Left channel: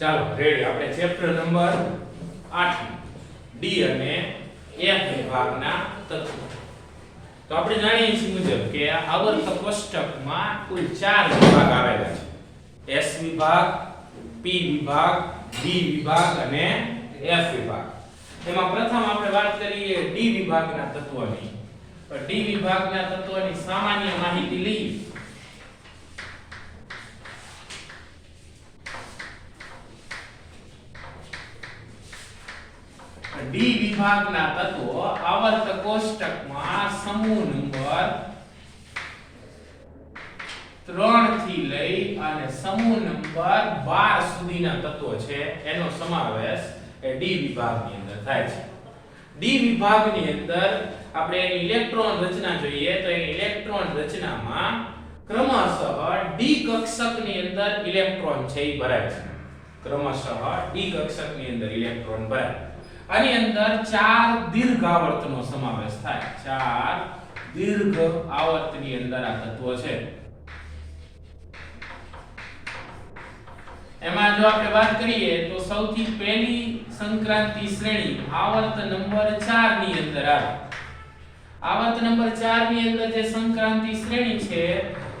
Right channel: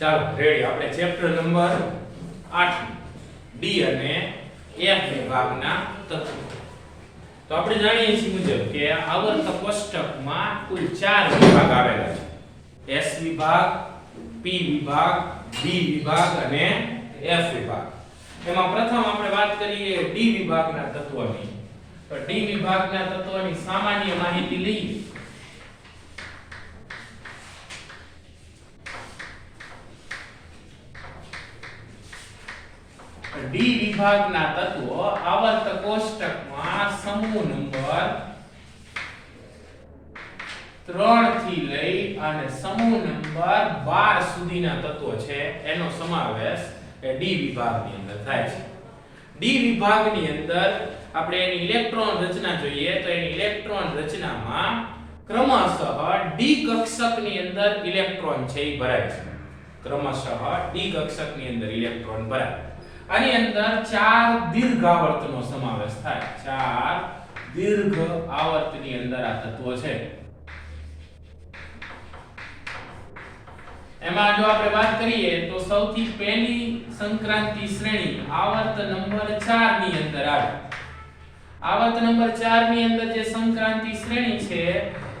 ચાલો રેડી, આપણે chapter number 8 D અને એફ વિભાગના તત્વો. તો આપણે જાણીએ છીએ મુજબ કે આવર્ત કોષ્ટકમાં કુલ 4 વિભાગ આવેલા છે. એસ વિભાગ, પી વિભાગ, ડી વિભાગ અને એફ વિભાગ. એમાં પ્રથમ આપણે વાત કરીએ ડી વિભાગના તત્વોની. તો ડી વિભાગના તત્વોની સામાન્ય માહિતી લઈએ. ડી વિભાગના તત્વો આવર્ત કોષ્ટકમાં સમૂહ નંબર 3 થી લઈ અને સમૂહ નંબર 12 સુધીના તત્વો છે એનો સમાવેશ એ ડી વિભાગની અંદર થાય છે. ડી વિભાગની અંદર આપણે એની ઇલેક્ટ્રોન રચના જોઈએ તો એની ઇલેક્ટ્રોન રચનામાં ક્રમશઃ ડી કક્ષકની અંદર ઇલેક્ટ્રોન છે એ ભરાય છે. ક્રમશઃ ડી કક્ષકની અંદર ઇલેક્ટ્રોન ભરાય. આની અંદર 4 દીર્ઘ આવર્તનો સમાવેશ થાય. 4 દીર્ઘ આવર્તની અંદર આ તત્વો છે. એમાં જો આપણે વાત કરીએ તો સૌથી પહેલી સંક્રાંતિ શ્રેણી આવર્ત નંબર 4 ની અંદર આવે. આવર્ત નંબર 4 ની અંદર જે સંક્રાંતિ શ્રેણી છે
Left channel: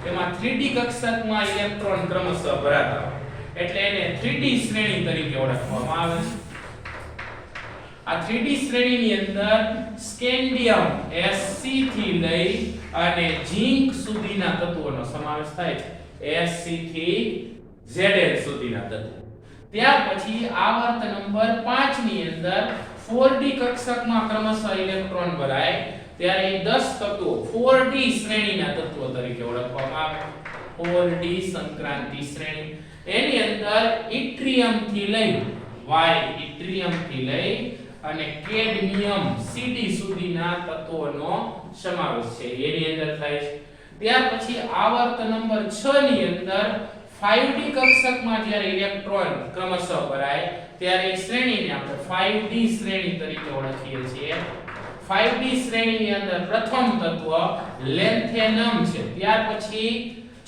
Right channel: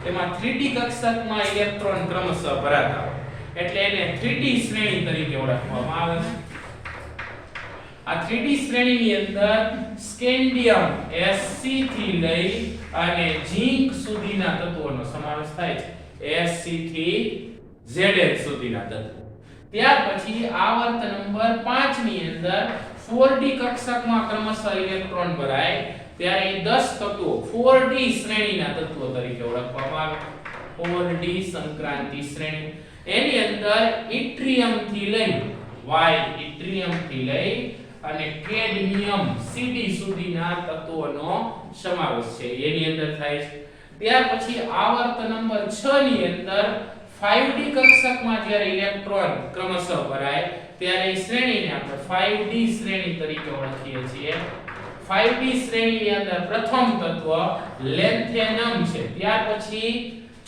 એમાં 3D કક્ષકમાં ઇલેક્ટ્રોન ક્રમશઃ ભરાતા હોય એટલે એને 3D શ્રેણી તરીકે ઓળખવામાં આવે છે. આ 3D શ્રેણીની અંદર સ્કેન્ડિયમ Sc થી લઈ અને ઝિંક સુધીના તત્વોનો સમાવેશ થાય છે. Sc થી Zn સુધીના તત્વો. ત્યાર પછી આવર્ત નંબર 5 ની અંદર 4D કક્ષકમાં ક્રમશઃ ઇલેક્ટ્રોન ભરાય ત્યારે 10 તત્વો 4D શ્રેણીના તત્વો તરીકે ઓળખવામાં આવે. 4D સંક્રાંતિ શ્રેણી. એની અંદર ઇટ્રિયમ થી લઈ ઇટ્રિયમ થી લઈ અને કેડમિયમ Cd સુધીના તત્વોનો સમાવેશ છે એની અંદર થાય છે. ત્યાર પછી આવર્ત નંબર 6 ની અંદર 5D કક્ષકમાં જ્યારે ઇલેક્ટ્રોન ક્રમશઃ ભરાય ત્યારે શ્રેણીને આપણે 5D શ્રેણી તરીકે ઓળખીએ છીએ. 5D શ્રેણીની અંદર પ્રથમ તત્વ લેન્થેનમ છે. ત્યાર પછી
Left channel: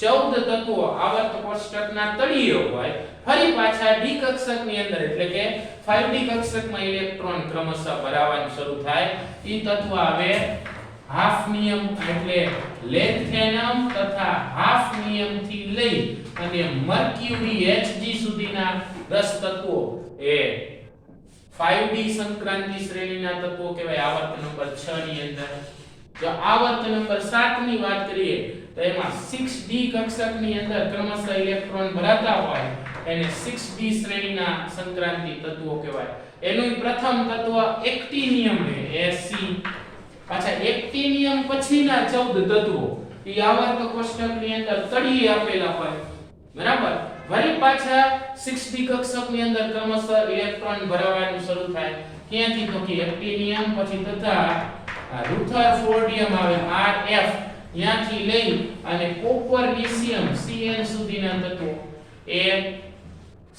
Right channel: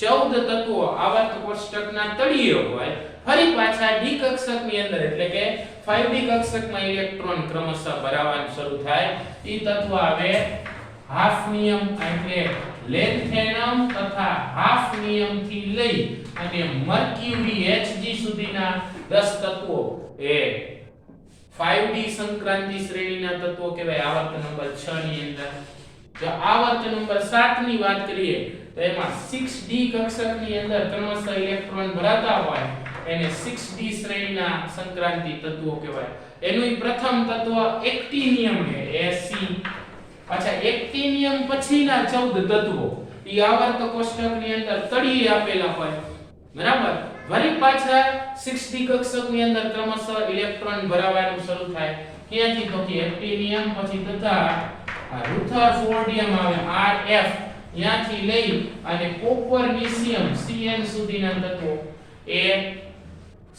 14 તત્વો આવર્ત કોષ્ટકના તળિયે હોય. ફરી પાછા ડી કક્ષકની અંદર એટલે કે 5D કક્ષકમાં ઇલેક્ટ્રોન ક્રમશઃ ભરાવાનું શરૂ થાય. ઈ તત્વ આવે હાફનિયમ એટલે લેન્થેનમ તથા હાફનિયમ થી લઈ અને મર્ક્યુરી Hg સુધીના 10 તત્વો એ 5D સંક્રાંતિ શ્રેણીના તત્વો કહેવાય આવર્ત નંબર 6 ની અંદર. જો આવર્ત નંબર 7 ની વાત કરીએ તો એમાં 6D કક્ષકની અંદર ક્રમશઃ ઇલેક્ટ્રોન ભરાતા હોય એને 6D શ્રેણીના સંક્રાંતિ તત્વો કહેવાય. એનું પ્રથમ તત્વ એક્ટિનિયમ છે Sc. પાછા એક્ટિનિયમ પછીના 14 તત્વો ઈ આવર્ત કોષ્ટકની અંદર તળિયે આપેલા હોય. બરાબર. વળી પાછા 6D કક્ષકની અંદર ક્રમશઃ ઇલેક્ટ્રોન ભરાવાનું શરૂ થાય. ક્યાંથી તો કે એક્ટિનિયમ પછી તથા રુથરફોર્ડિયમ આવે Rf ત્યાંથી લઈ અને કોપરનિશિયમ Cn સુધીના તત્વો એ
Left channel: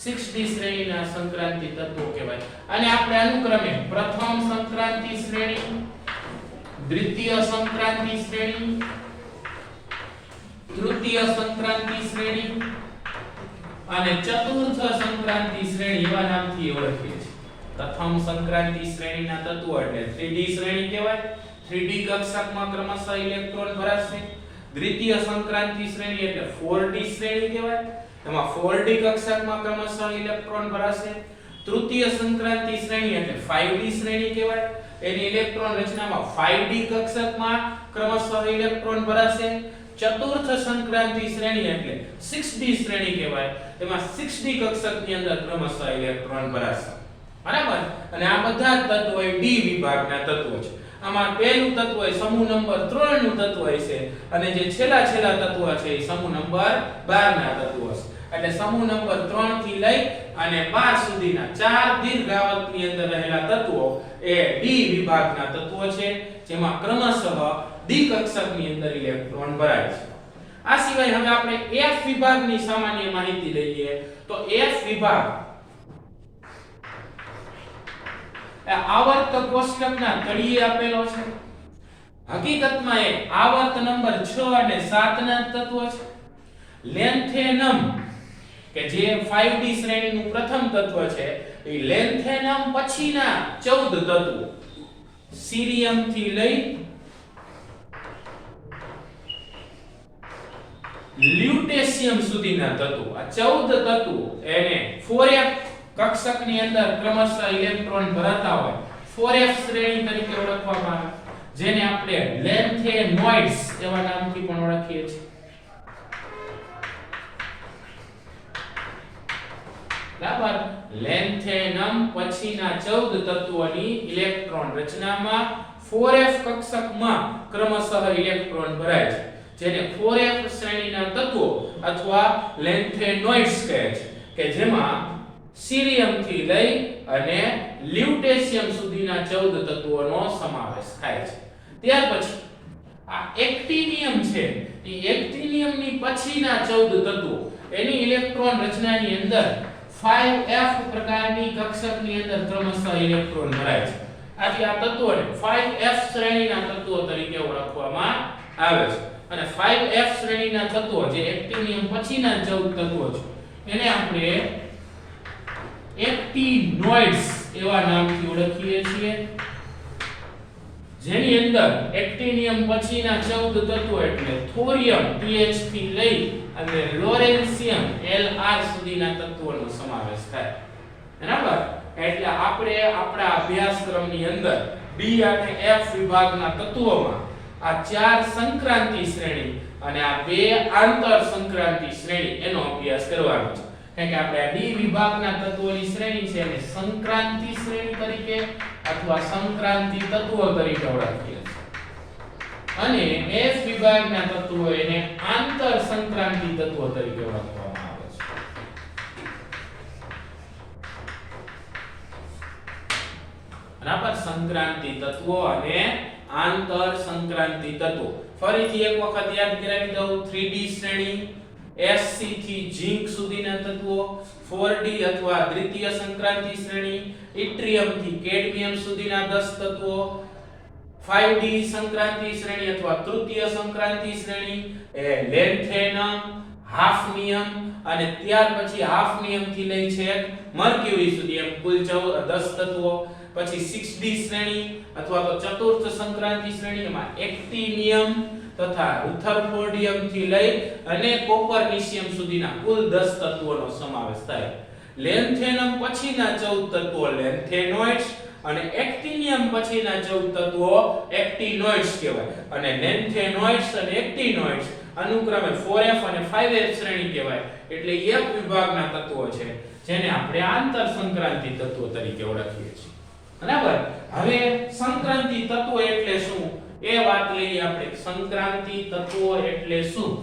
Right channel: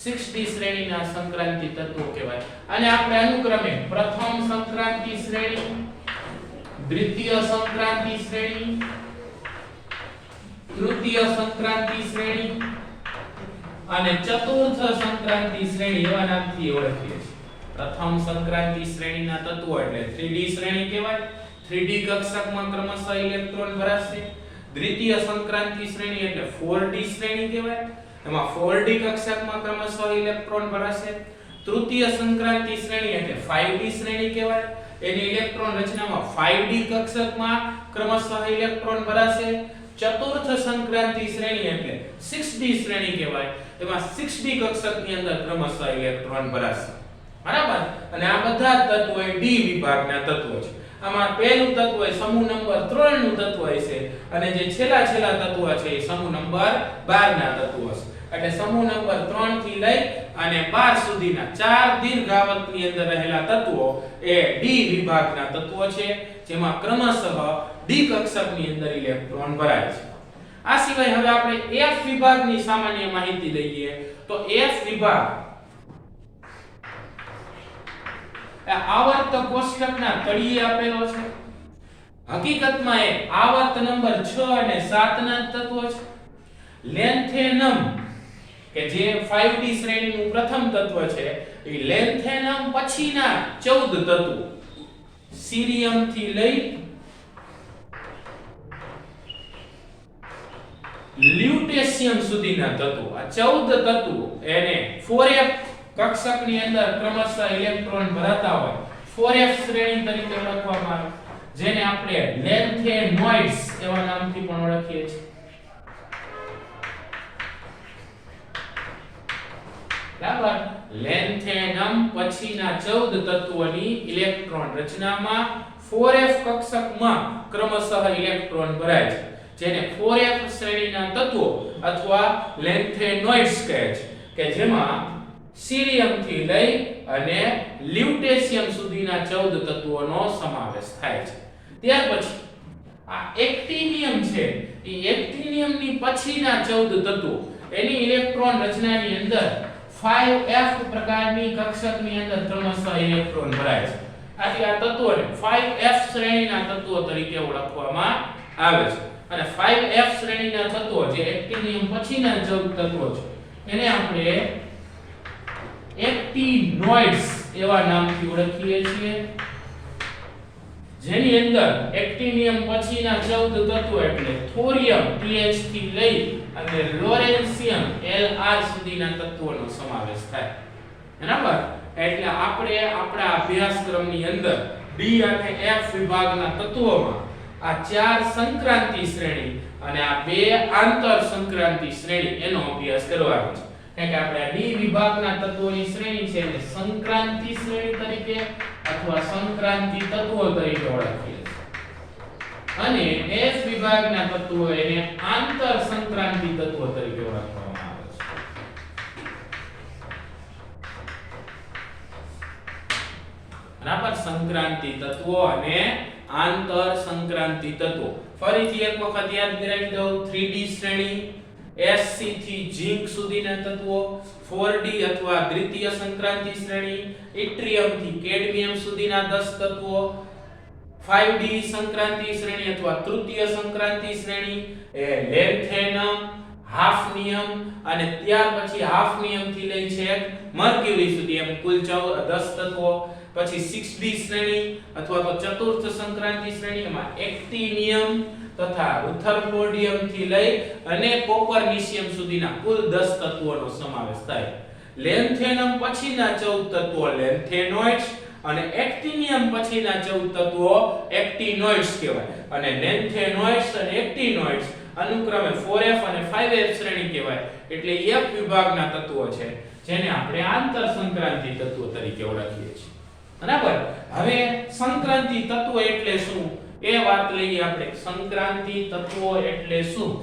6D શ્રેણીના સંક્રાંતિ તત્વો કહેવાય. અને આપણે અનુક્રમે પ્રથમ સંક્રાંતિ શ્રેણી, દ્વિતીય સંક્રાંતિ શ્રેણી, તૃતીય સંક્રાંતિ શ્રેણી અને ચતુર્થ સંક્રાંતિ શ્રેણી એવા નામથી ઓળખીએ છીએ. પ્રથમ સંક્રાંતિ શ્રેણીના તત્વો એટલે 3D શ્રેણી કહેવાય. 3D કક્ષકમાં ક્રમશઃ ઇલેક્ટ્રોન ભરાશે. દ્વિતીય સંક્રાંતિ શ્રેણી એટલે 4D શ્રેણી કહેવાય. એમાં 4D કક્ષકમાં ક્રમશઃ ઇલેક્ટ્રોન ભરાશે. તૃતીય સંક્રાંતિ શ્રેણી એટલે 5D શ્રેણી કહેવાય. એની ઇલેક્ટ્રોન રચનામાં 5D કક્ષકમાં ક્રમશઃ ઇલેક્ટ્રોન ભરાશે. ચતુર્થ સંક્રાંતિ શ્રેણી એટલે 6D શ્રેણી કહેવાય. તેમાં 6D કક્ષકની અંદર ક્રમશઃ ઇલેક્ટ્રોન ભરાશે. બરાબર. અને આ બધા તત્વો એ ડી વિભાગના તત્વો છે. આમાં પહેલું તત્વ એ સમૂહ નંબર 3 નું તત્વ છે અને જે છેલ્લા તત્વ છે એ સમૂહ નંબર 12 ના તત્વો છે. એટલે સમૂહ નંબર 3 થી લઈ અને 12 સુધીના 4 દીર્ઘ આવર્તની અંદર રહેલા તત્વો એ ડી વિભાગના તત્વો છે જેમાં ક્રમશઃ ડી કક્ષકની અંદર ઇલેક્ટ્રોન ભરાય છે. આ સિવાય હવે આપણે એફ વિભાગની સામાન્ય માહિતી લઈએ તો એફ વિભાગ આવર્ત કોષ્ટકના તળિયે આપેલો છે. હકીકતમાં એ આવર્ત નંબર 6 અને 7 ના તત્વો છે. લેન્થેનમ કે જે 5D શ્રેણીનું પ્રથમ તત્વ છે એ લેન્થેનમ પછીના 14 તત્વો સીરિયમ થી લઈ લ્યુટેશિયમ સુધીના તત્વો, આ 14 તત્વો એને 4f કક્ષકની અંદર ક્રમશઃ ઇલેક્ટ્રોન ભરાતા હોય 4f શ્રેણી તરીકે ઓળખવામાં આવે, જેને આપણે લેન્થેનોઇડ્સ એવા નામથી પણ ઓળખીએ છીએ. બરાબર. લેન્થેનમ પછીના 14 તત્વોની ઇલેક્ટ્રોન રચનામાં 4f કક્ષકમાં ક્રમશઃ ઇલેક્ટ્રોન ભરાય છે, જેને 4f શ્રેણીના તત્વો અથવા લેન્થેનોઇડ્સ કહે છે, કે જેમાં સીરિયમ થી લઈ અને લ્યુટેશિયમ સુધીના 14 તત્વોનો સમાવેશ થાય છે. ત્યાર પછી આ એક્ટિનિયમ છે, એ એક્ટિનિયમની પછીના 14 તત્વો એની ઇલેક્ટ્રોન રચનાની અંદર 5f પ્રકારની કક્ષકની અંદર ક્રમશઃ ઇલેક્ટ્રોન ભરાય છે. આથી આ તત્વોને 5f શ્રેણીના તત્વો તરીકે ઓળખવામાં આવે છે. અને 5f શ્રેણીના તત્વો જે એક્ટિનિયમ પછીના 14 તત્વો છે એને આપણે એક્ટિનોઇડ્સ એવા નામથી ઓળખીએ છીએ, જેની અંદર એક્ટિનિયમ પછીના 14 તત્વો એટલે થોરિયમ TH થી લઈ અને લોરેન્સિયમ Lr સુધીના તત્વોનો સમાવેશ થાય. બરાબર. એટલે આપણે આપણા અભ્યાસક્રમની અંદર D અને F વિભાગના તત્વોમાં આ 4 સંક્રાંતિ શ્રેણી અને આ 2 આંતર સંક્રાંતિ શ્રેણી એનો અભ્યાસ કરવાનો છે. એટલે આપણે D વિભાગના તત્વોની શ્રેણી છે એને સંક્રાંતિ શ્રેણી તરીકે અથવા સંક્રાંતિ તત્વો તરીકે ઓળખીએ છીએ, અને F વિભાગના તત્વો એને આંતર સંક્રાંતિ તત્વો તરીકે ઓળખવામાં આવે છે. બરાબર. સંક્રાંતિ તત્વો અને આંતર સંક્રાંતિ તત્વો ફરીથી એક વખત યાદ કરાવી દઉં. 3D શ્રેણી Sc થી ઝિંક સુધીના તત્વો, 4D અથવા દ્વિતીય સંક્રાંતિ શ્રેણી ઇટ્રિયમ થી કેડમિયમ સુધીના 10 તત્વો, 5D સંક્રાંતિ શ્રેણી અથવા તૃતીય સંક્રાંતિ શ્રેણી એ લેન્થેનમ, હાફનિયમ અને ત્યાર પછી હાફનિયમ થી લઈ છેક મર્ક્યુરી સુધી એમ કુલ 10 તત્વો. પછી 6D શ્રેણી અથવા તો ચતુર્થ સંક્રાંતિ શ્રેણીમાં એક્ટિનિયમ તથા રુથરફોર્ડિયમ થી લઈ અને કોપરનિશિયમ સુધીના કુલ 10 તત્વોનો સમાવેશ થાય. લેન્થેનમ પછીના 14 તત્વો લેન્થેનોઇડ્સ અને એક્ટિનિયમ પછીના 14 તત્વો એક્ટિનોઇડ્સ કહેવાય, અને લેન્થેનોઇડ્સ અને એક્ટિનોઇડ્સ અનુક્રમે 4f અને 5f શ્રેણી કહેવાય. એટલે F વિભાગના તત્વો છે જેને આપણે આંતર સંક્રાંતિ તત્વો તરીકે ઓળખીએ છીએ. બરાબર. હવે સંક્રાંતિ તત્વો એટલે શું એ વાત લઈએ આપણે. સંક્રાંતિ તત્વો એટલે શું?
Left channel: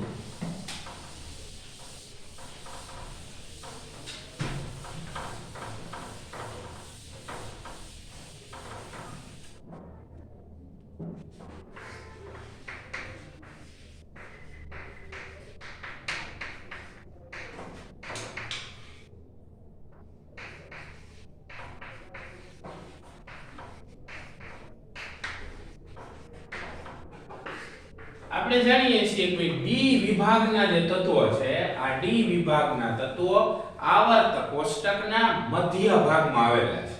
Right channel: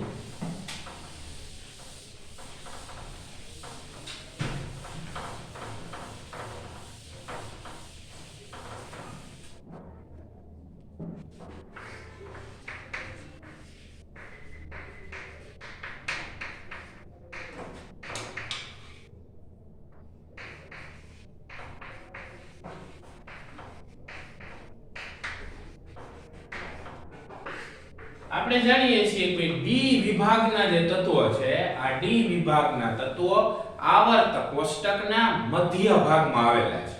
આપણે જાણીએ છીએ કે ડી વિભાગના જે તત્વો છે, આ ડી વિભાગના તત્વો આવર્ત કોષ્ટકના મધ્ય ભાગમાં આવેલા છે.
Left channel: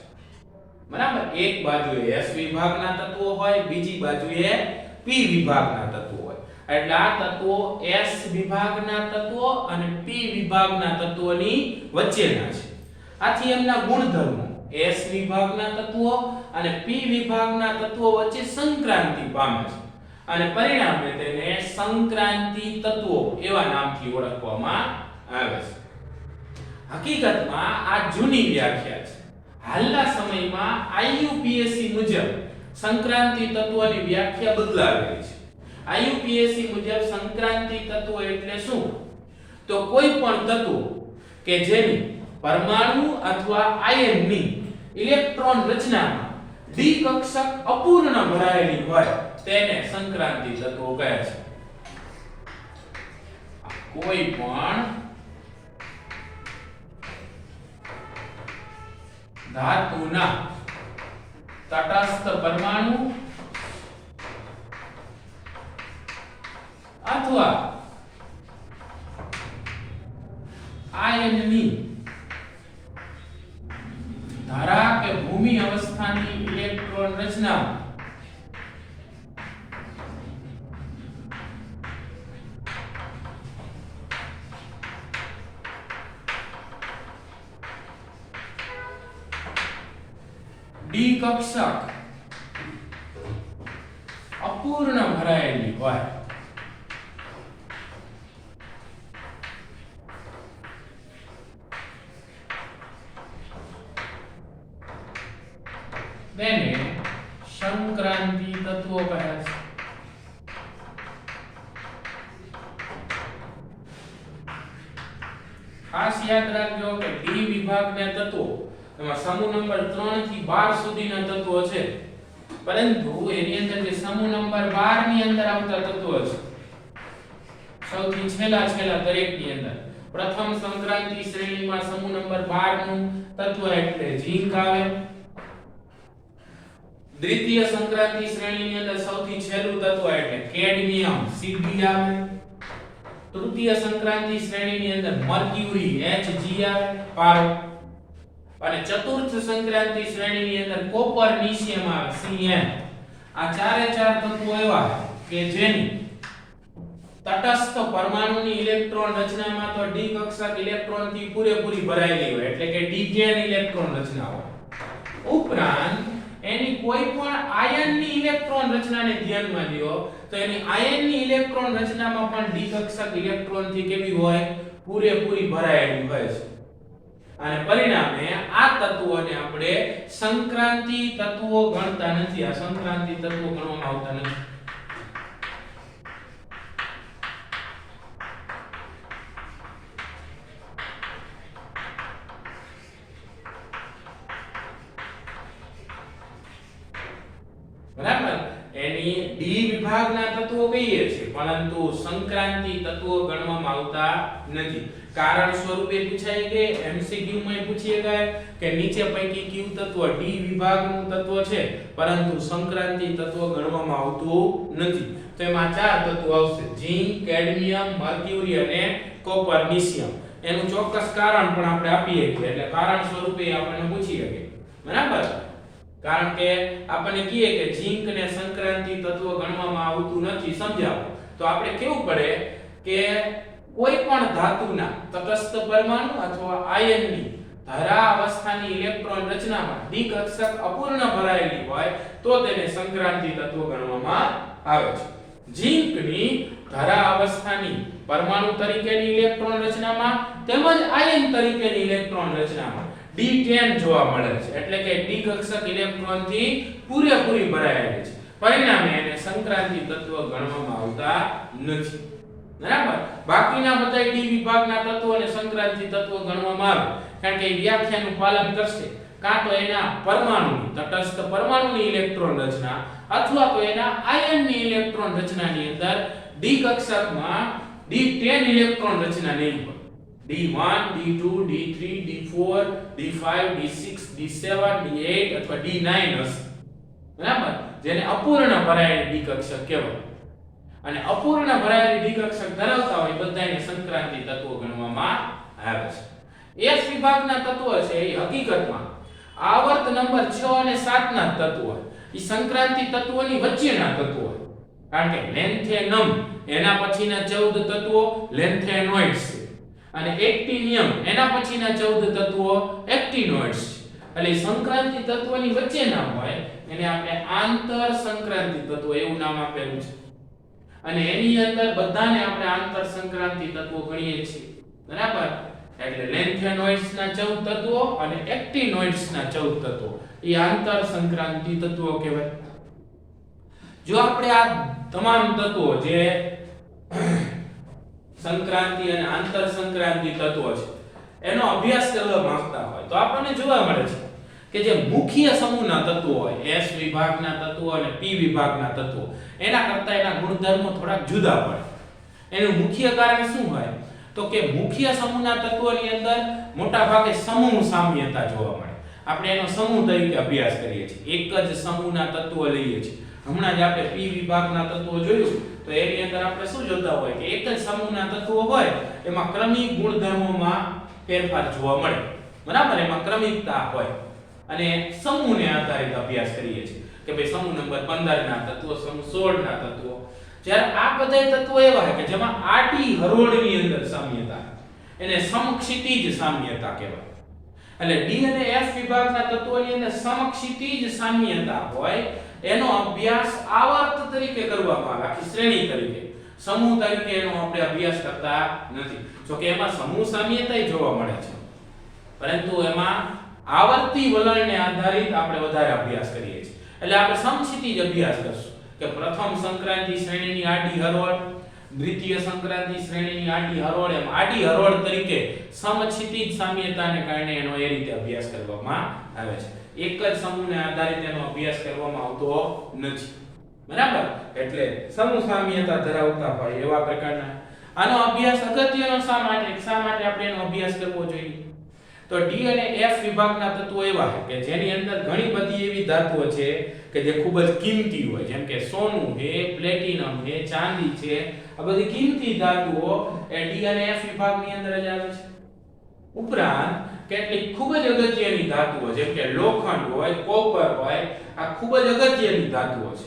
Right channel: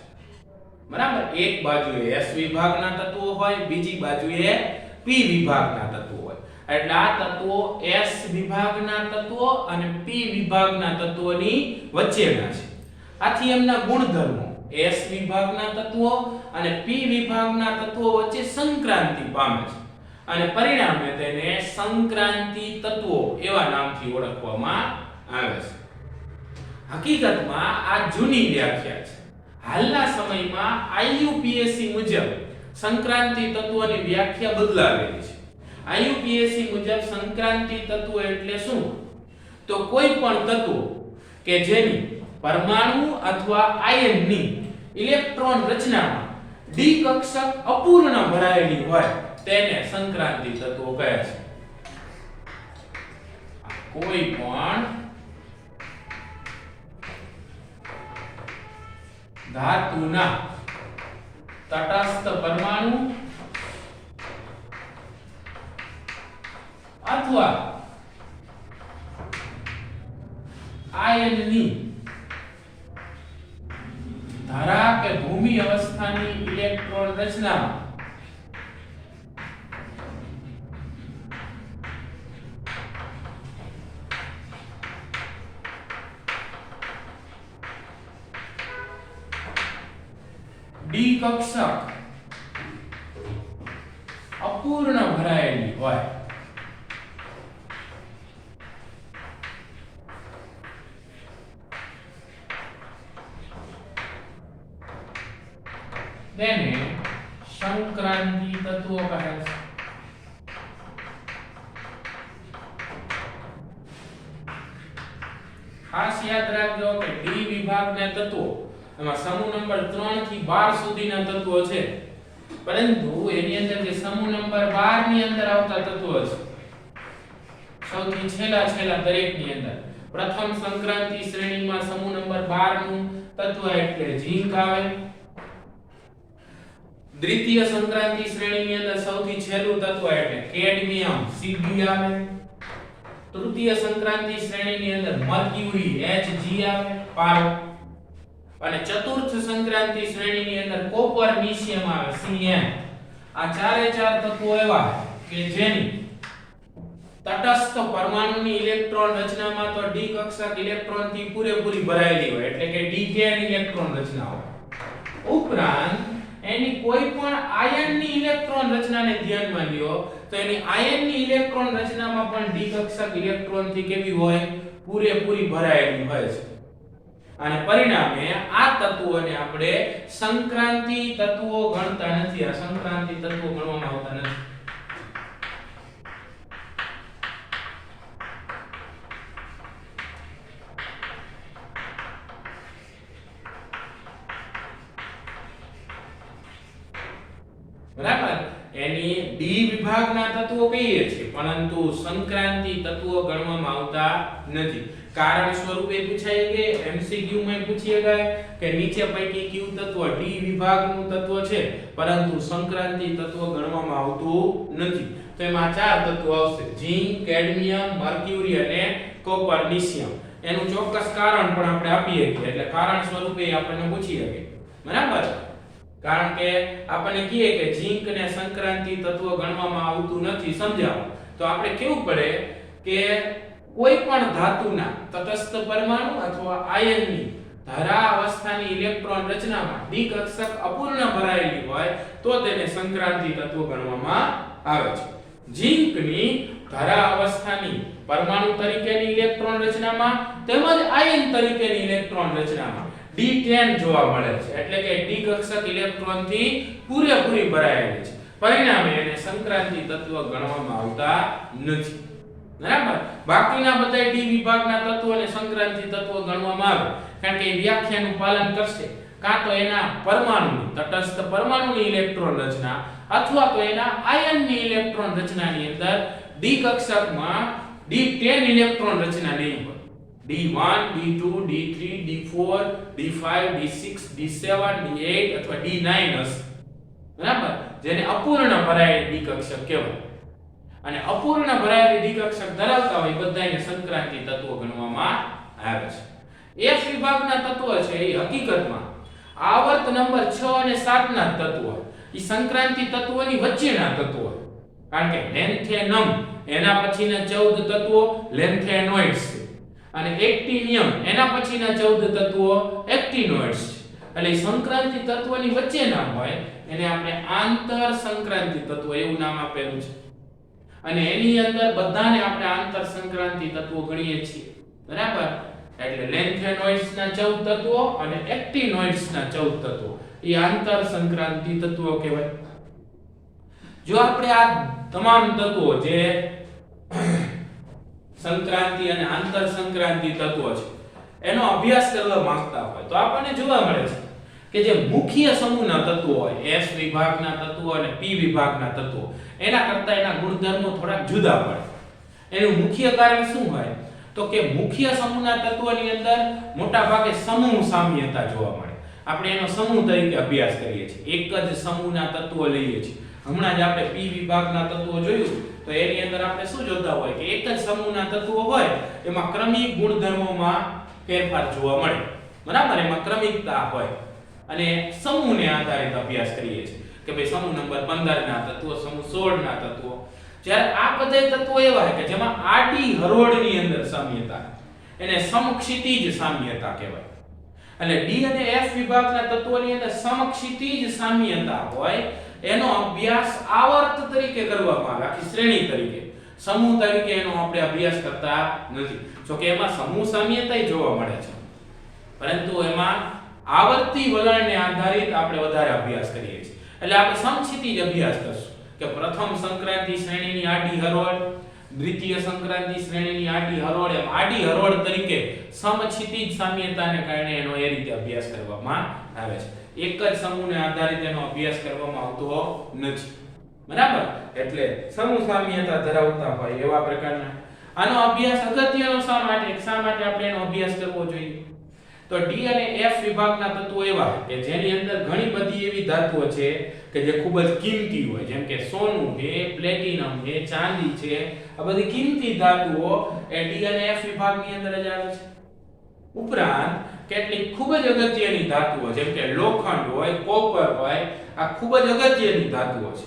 બરાબર. એક બાજુએ S વિભાગના તત્વો હોય, બીજી બાજુએ P વિભાગના તત્વો હોય. એટલે આ તત્વો S વિભાગના તત્વો અને P વિભાગના તત્વોની વચ્ચેના છે. આથી એમના ગુણધર્મો S વિભાગના તત્વો અને P વિભાગના તત્વો વચ્ચે સંક્રાંતિ પામે છે, અને પરિણામે તેને સંક્રાંતિ તત્વો એવા નામથી ઓળખવામાં આવે છે. હકીકતમાં આ જૂની વ્યાખ્યા છે. હાલના સમયમાં IUPAC મુજબ સંક્રાંતિ તત્વોની વ્યાખ્યા બદલાવેલી છે. IUPAC મુજબ સંક્રાંતિ તત્વો એટલે શું? તો કોઈ પણ તત્વો કે જેની પરમાણુ અથવા આયનની ઇલેક્ટ્રોન રચનામાં ડી કક્ષક અપૂર્ણ ભરાયેલી હોય તેને સંક્રાંતિ તત્વો કહે છે. કોઈ પણ ધાતુના તટસ્થ પરમાણુ અથવા આયનની ધારા કે ભૂમિ અવસ્થાની ઇલેક્ટ્રોન રચનામાં ડી કક્ષક અપૂર્ણ ભરાયેલી હોય તેને સંક્રાંતિ તત્વો કહે છે. ખાસ યાદ રાખજો કે ડી વિભાગના તત્વો એમાં સમૂહ નંબર 3 થી 12 સુધીના તત્વો છે, પરંતુ એની અંદર જે સમૂહ નંબર 12 ની અંદર આવતા તત્વો છે સૌથી છેલ્લા દરેકની અંદર પ્રથમ સંક્રાંતિ શ્રેણીમાં સમૂહ નંબર 12 નું તત્વ એટલે ઝીંક આવે. દ્વિતીય સંક્રાંતિ શ્રેણીની અંદર સૌથી છેલ્લું તત્વ એટલે કેડમિયમ Cd આવે. તૃતીય સંક્રાંતિ શ્રેણીની અંદર મર્ક્યુરી Hg આવે પારો. અને ચતુર્થ સંક્રાંતિ શ્રેણીની અંદર કોપર નિશિયમ આવે Cm. આ ચારે ચાર તત્વો એવા કે જેની તટસ્થ પરમાણુની ઇલેક્ટ્રોન રચનામાં તો ડી કક્ષક ઇલેક્ટ્રોન થી પૂરેપૂરી ભરાયેલી હોય એટલે કે ડી ગેન ઇલેક્ટ્રોન રચના હોય. ઉપરાંત એની કોઈ પણ આયનની ઇલેક્ટ્રોન રચનાને ધ્યાનમાં લ્યો તો એની આયનની ઇલેક્ટ્રોન રચનામાં પણ ડી કક્ષક ઇલેક્ટ્રોન થી કેવી હોય પૂરેપૂરી ભરાયેલી હોય છે. અને પરિણામે આ તત્વોને આપણે સંક્રાંતિ તત્વો ગણતા નથી. આ સંક્રાંતિ તત્વો ગણવામાં આવતા નથી. બરાબર. એની ડી વિભાગના તત્વો કહીએ છીએ પરંતુ સંક્રાંતિ તત્વો ગણવામાં આવતા નથી. કારણ સ્વરૂપે પૂછાય કે એમસીક્યુ માં પૂછીએ કે નીચે પૈકી કયું તત્વ ડી વિભાગનું તત્વ છે પરંતુ સંક્રાંતિ તત્વ ગણવામાં આવતું નથી. તો એમાં ચાર તત્વો આવશે: ઝીંક, કેડમિયમ, મર્ક્યુરી અને કોપર નિશિયમ. એનું ચોક્કસ કારણ પણ આપણે આપીએ છીએ એટલે કારણ સ્વરૂપે આપણને પૂછી શકે. બરાબર. કારણ કે આપણને કહીએ કે ઝીંક ને સંક્રાંતિ તત્વ ગણવામાં આવતું નથી સમજાવો તો આપણે કેવું પડે કે કોઈ પણ ધાતુના તટસ્થ પરમાણુ અથવા આયનની ધારા અવસ્થાની ઇલેક્ટ્રોન રચનામાં ડી કક્ષક અપૂર્ણ ભરાયેલી હોય તો તેને સંક્રાંતિ તત્વ ગણવામાં આવે છે. ઝીંકની ધારા અવસ્થાની પરમાણુ તરીકેની ઇલેક્ટ્રોન રચનામાં તેમજ આયન તરીકેની ઇલેક્ટ્રોન રચનામાં D10 જોવા મળે છે એટલે કે ડી કક્ષક ઇલેક્ટ્રોન થી પૂરેપૂરી ભરાયેલી છે. પરિણામે એને સંક્રાંતિ તત્વ ગણવામાં આવતા નથી. બરાબર. બાકીના બધા ડી વિભાગના તત્વોને સંક્રાંતિ તત્વ ગણવામાં આવે કારણ કે વ્યાખ્યાનું પાલન કરશે કાં તો એના પરમાણુની તટસ્થ પરમાણુની ઇલેક્ટ્રોન રચના અથવા તો એના આયનની ઇલેક્ટ્રોન રચનાની અંદર ડી કક્ષકમાં D10 ઇલેક્ટ્રોન રચના નહીં હોય. D1, D2, D3, D4, D5, D6, D7, D8 અથવા D9 હશે. બરાબર. જેને અપૂર્ણ ભરાયેલી ડી કક્ષક કહેવાય. અને અપૂર્ણ ભરાયેલી ડી કક્ષક ધરાવતા હોય બધાને સંક્રાંતિ તત્વો ગણવામાં આવે છે. એફ વિભાગના તત્વો છે એ હકીકતમાં આવર્ત નંબર 6 અને 7 ના તત્વો એ સંક્રાંતિ તત્વોની વચ્ચેના તત્વો કારણ કે લેન્થેનમ એના પછીના 14 તત્વો લેન્થેનોઇડ્સ છે અને એક્ટિનિયમ એના પછીના 14 તત્વો એક્ટિનોઇડ્સ છે. એટલે સંક્રાંતિ તત્વોની વચ્ચેના હોય એને આપણે આંતર સંક્રાંતિ તત્વો એવું નામ આપેલું છે. અને એની અંદર બધાને આપણે આંતર સંક્રાંતિ તત્વો ગણીએ છીએ. બરાબર. એટલે લેન્થેનોઇડ્સ ના 14 તત્વો અને એક્ટિનોઇડ્સ ના 14 તત્વો એ આંતર સંક્રાંતિ તત્વો કહેવાય. જો આપણે આ તમામ તત્વો જે સંક્રાંતિ અને આંતર સંક્રાંતિ તત્વો છે એનો અભ્યાસ કરવા માંગતા હોય તો આપણને જોવા મળે છે કે જે મુખ્ય સમૂહના તત્વો હોય S વિભાગના તત્વો અને P વિભાગના તત્વો એના કરતા એના ગુણધર્મો થોડાક જુદા પડે. એનું મુખ્ય કારણ શું હોય તો કે મુખ્ય સમૂહના તત્વોની અંદર મોટા ભાગે સમૂહ સામ્યતા જોવા મળે. આપણે એનો સમૂહ તરીકે અભ્યાસ કરીએ છીએ. એક જ સમૂહના તત્વો લઈએ છીએ. હમણાં જ આપણે P વિભાગના તત્વો જોયું તો તો એની અંદર આપણે શું જોતા હોય કે એક જ સમૂહના તત્વો હોય એમાં ક્રમિક ગુણધર્મોમાં ફેરફાર જોવા મળે, બરાબર, એમાં ક્રમિકતા હોય અને સમૂહને આધારિત અભ્યાસ કરીએ છીએ કે ભાઈ સમૂહ નંબર 15 ના તત્વો, સમૂહ 16 ના તત્વો. જ્યારે આ બધા તત્વો એવા છે કે જેમાં આડી હરોળની અંદર સામ્યતા, એને સમક્ષિતિજ સામ્યતા કહેવાય. અને ડી અને એફ વિભાગના તત્વોની અંદર સમક્ષિતિજ સામ્યતા હોય એનો અભ્યાસ આવર્ત તરીકે કરવામાં આવે, આખી શ્રેણી તરીકે. સમૂહ તરીકે એનો આપણે અભ્યાસ કરતા નથી. જો કે એમાં સમૂહ સામ્યતા જોવા મળે છે, પરંતુ એમાં આવર્તી વલણને આધારિત આપણે વધારે અભ્યાસ કરીએ છીએ. એટલે આપણે સમક્ષિતિજ અભ્યાસ કરશું કે પ્રથમ સંક્રાંતિ શ્રેણીની આડી હરોળ, દ્વિતીય સંક્રાંતિ શ્રેણીની આડી હરોળ, એમ આડી હરોળ તરીકે સમક્ષિતિજ સામ્યતાને કારણે એનો એ રીતે અભ્યાસ કરવામાં આવે છે. એક જ સમૂહને આધારિત એનો અભ્યાસ કરવામાં આવતો નથી, બરાબર. એટલે સમૂહ સામ્યતા ધરાવતા હોય એવા પ્રકારના આનો અભ્યાસ અગત્યનો શા માટે આપણે એનો અભ્યાસ કરવો જોઈએ? તો ડી અને એફ વિભાગના તત્વો એવા કે જેની અંદર ઘણી બધી એવી ધાતુઓ છે કે જે ખૂબ જ કિંમતી હોય, જેમ કે સોનું છે, પ્લેટિનમ છે, ચાંદી છે. આ બધી કિંમતી ધાતુઓ એ ડી અને એફ વિભાગની અંદર જ આવે છે. ઉપરાંત કેટલીક ખૂબ જ અગત્યની ધાતુઓ જેમ કે લોખંડ હોય, કોપર હોય, આ ખૂબ જ અગત્યની ધાતુઓ છે.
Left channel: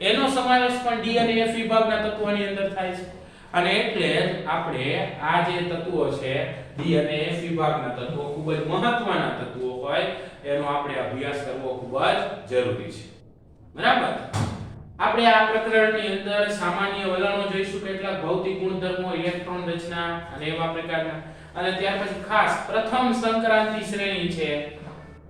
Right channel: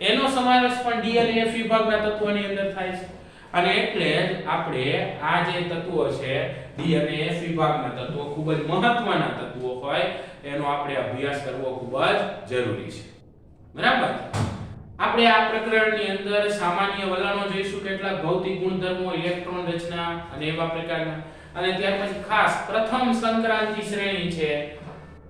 એનો સમાવેશ પણ ડી અને એફ વિભાગના તત્વોની અંદર થાય છે. અને એટલે જ આપણે આ જે તત્વો છે ડી અને એફ વિભાગના તત્વો ખૂબ જ મહત્વના તત્વો હોય એનો આપણે અભ્યાસ કરવો ખૂબ જ જરૂરી છે, બરાબર. આપણે આ પ્રકરણની અંદર સામાન્ય વલણો જોઈશું, કેટલાક ભૌતિક ગુણધર્મો, ઇલેક્ટ્રોન રચના અને એવા પ્રકારના. અને ત્યાર પછી ખાસ પ્રથમ સંક્રાંતિ શ્રેણી છે